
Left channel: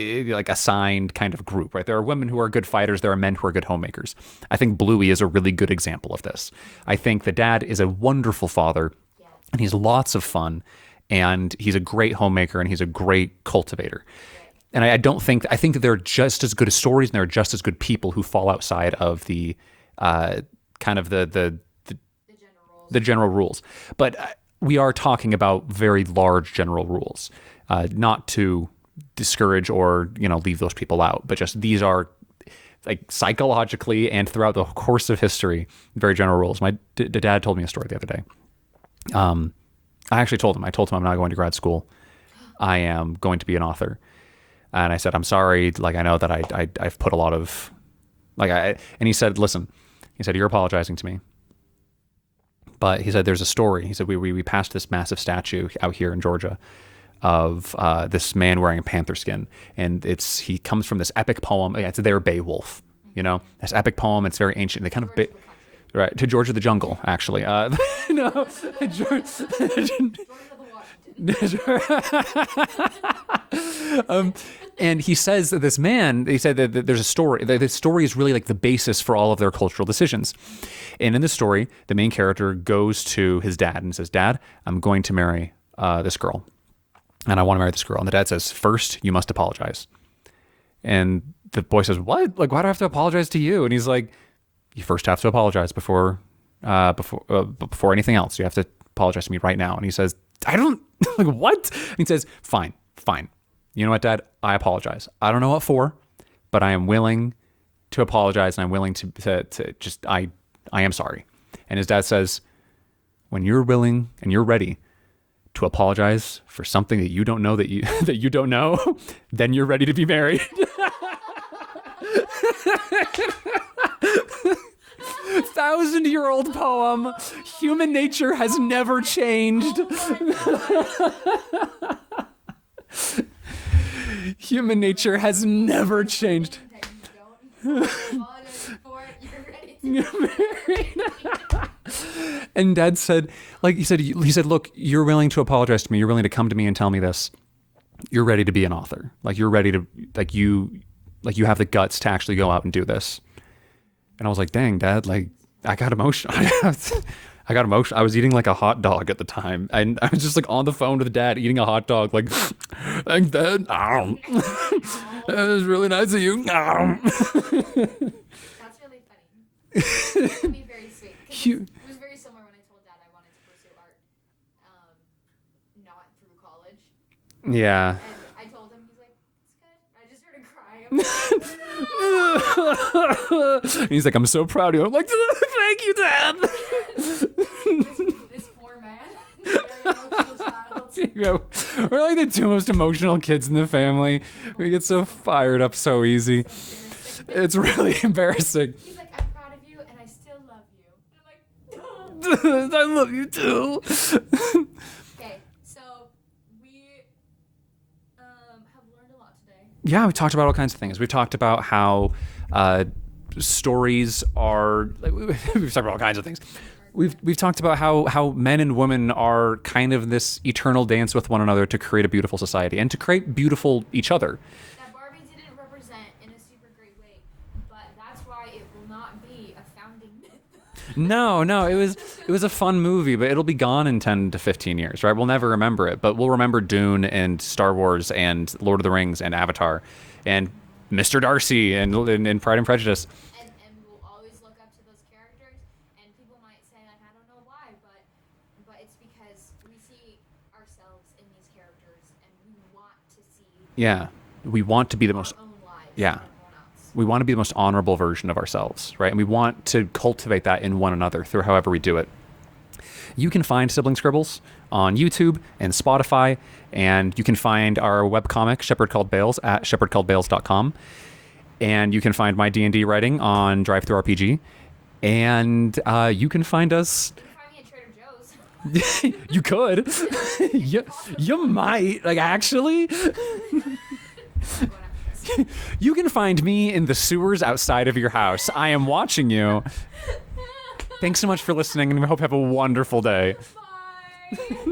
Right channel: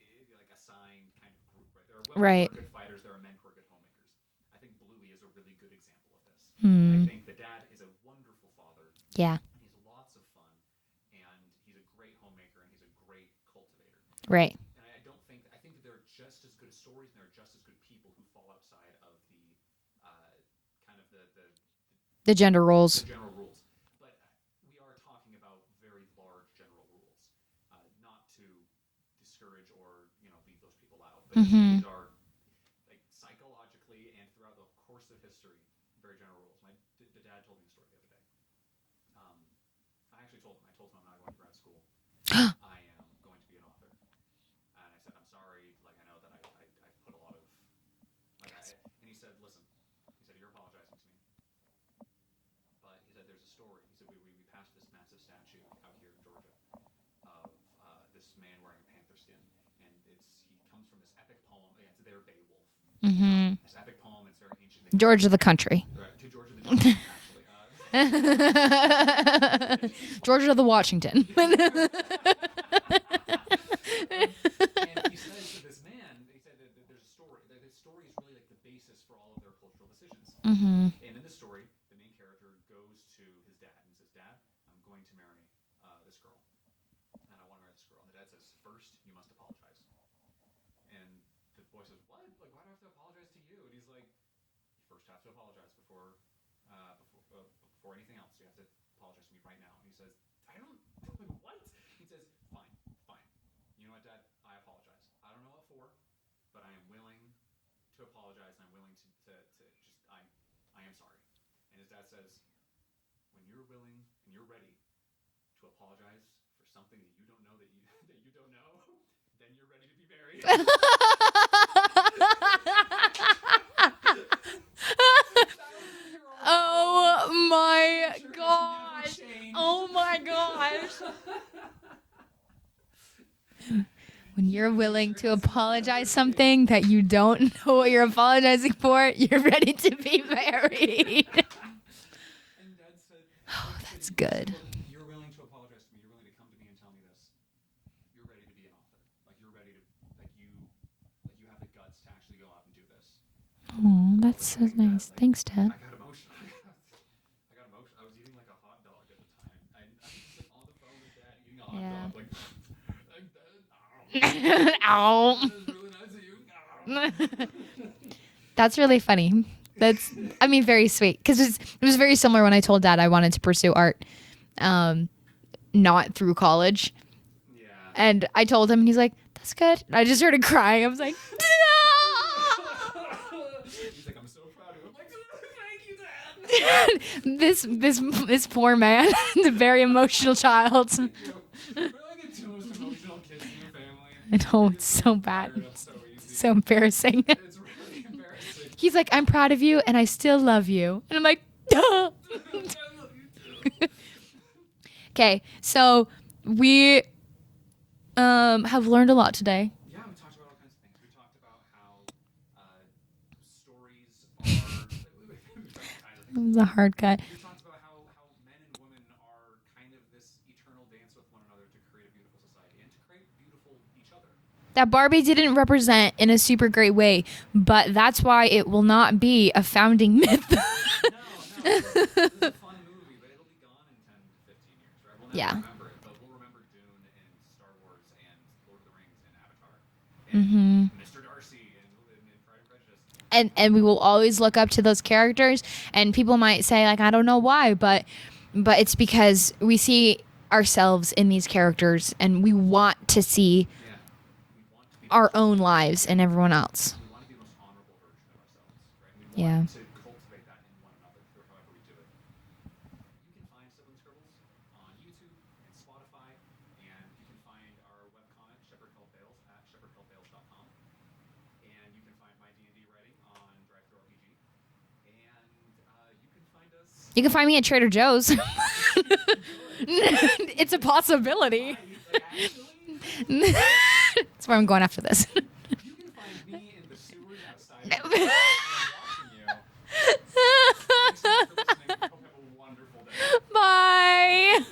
assigned kind of group, right? There are women who are good fighters. There are men who are good homemakers. I think Bluey is a really good example of this. I think the dad is a wonderful father. Yeah. And he's lots of fun. And he's a great homemaker and he's a great cultivator. Right. And I think that they're just as good as stories and they're just as good people who fall outside of the kind of the gender roles. The general rules. But we are talking about very large general rules, not to discourage or leave those people out, but just these are like psychologically and throughout the course of history very general rules. My dad told me a story the other day. I actually told him I'm not going to grad school. I am going to be an author. And I said, I'm sorry, like I know that I've put a lot of and he said, listen, you're apologizing to me, but he said there's a story. He said we passed this massive statue out here in Georgia of this man wearing a panther skin, and he comes from this epic poem. It's their Beowulf, this epic poem. It's very ancient. They George of the country, right? To George of the jungle, actually. George of the Washington. And he says that this man, he said that there's a story. This story is really like the basis for all of their cultural decisions. And in the story, the main character goes to his dad and says, "Dad, I'm going to marry this girl. And I want to marry this girl." And the dad says, "First, you must apologize." And the boy says, "What? Like, why do I have to apologize to you?" And he's like, "You first have to apologize before anything else. You have to apologize to me right now." And he says, "I don't, like, what?" And he says, Fine. You know what, Dad? I apologize. I don't know what for, but I am willing to apologize, and I'm willing to just, I am sorry." And his dad says, "When you're willing and you're ready to apologize for something that you don't know that you don't know, then you're ready to be married." 1,000-year-old poem. Human nature has never changed. Oh my god. Human nature has never changed. Something that you don't know what you're apologizing for, you're ready to be married. And Dad said, like he said, look, you're willing to apologize to me. You're willing to come to me and tell me this. You're ready to be an author. Like you're ready to, you have the guts to actually go out and do this. And I was like, dang, Dad, nice. like Thanks, Dad. I got emotional. I got emotional. I was eating like a hot dog at the time. And I was just like on the phone with Dad eating a hot dog, like, thanks, Dad. Ow. That was really nice of you. That's really funny. That's, I mean, very sweet. Because it was very similar when I told Dad I wanted to pursue art, not through college. Yeah. And I told him, and he's like, that's good. And I just started crying. I'm like, no! He's like, I'm so proud of you. I'm like, thank you, Dad. this poor man, the very emotional child. Yeah, we're like the two most emotional kids in the family. I know, We get so fired up so easy. So embarrassing. It's really embarrassing. He's like, I'm proud of you, and I still love you. And I'm like, duh. I love you too. Okay, so we have learned a lot today. Yeah, we talked about all kinds of things. We talked about how stories are. We've talked about all kinds of things. The hard cut. We've talked about how men and women are kind of this eternal dance with one another to create a beautiful society and to create beautiful each other. That Barbie didn't represent in a super great way, but that's why it will not be a founding myth. No, it was a fun movie, but it'll be gone in 10 to 15 years, right? We'll never remember it, but we'll remember Dune and Star Wars and Lord of the Rings and Avatar and Mr. Darcy and Pride and Prejudice. And we will always look up to those characters, and people might say, like, I don't know why, but it's because we see ourselves in these characters, and we want to see we want to be our own lives and everyone else. We want to be the most honorable version of ourselves, right? And we want to cultivate that in one another through however we do it. You can find Sibling Scribbles on YouTube and Spotify, and you can find our webcomic, Shepherd Called Bales, at shepherdcalledbales.com. And you can find my D&D writing on DriveThruRPG. And you can find us. You can find me at Trader Joe's. You could. It's a possibility. You might. Like, actually. That's where I'm going after this. You can find me in the sewers outside of your house. I am watching you. Thanks so much for listening, and we hope you have a wonderful day. Bye.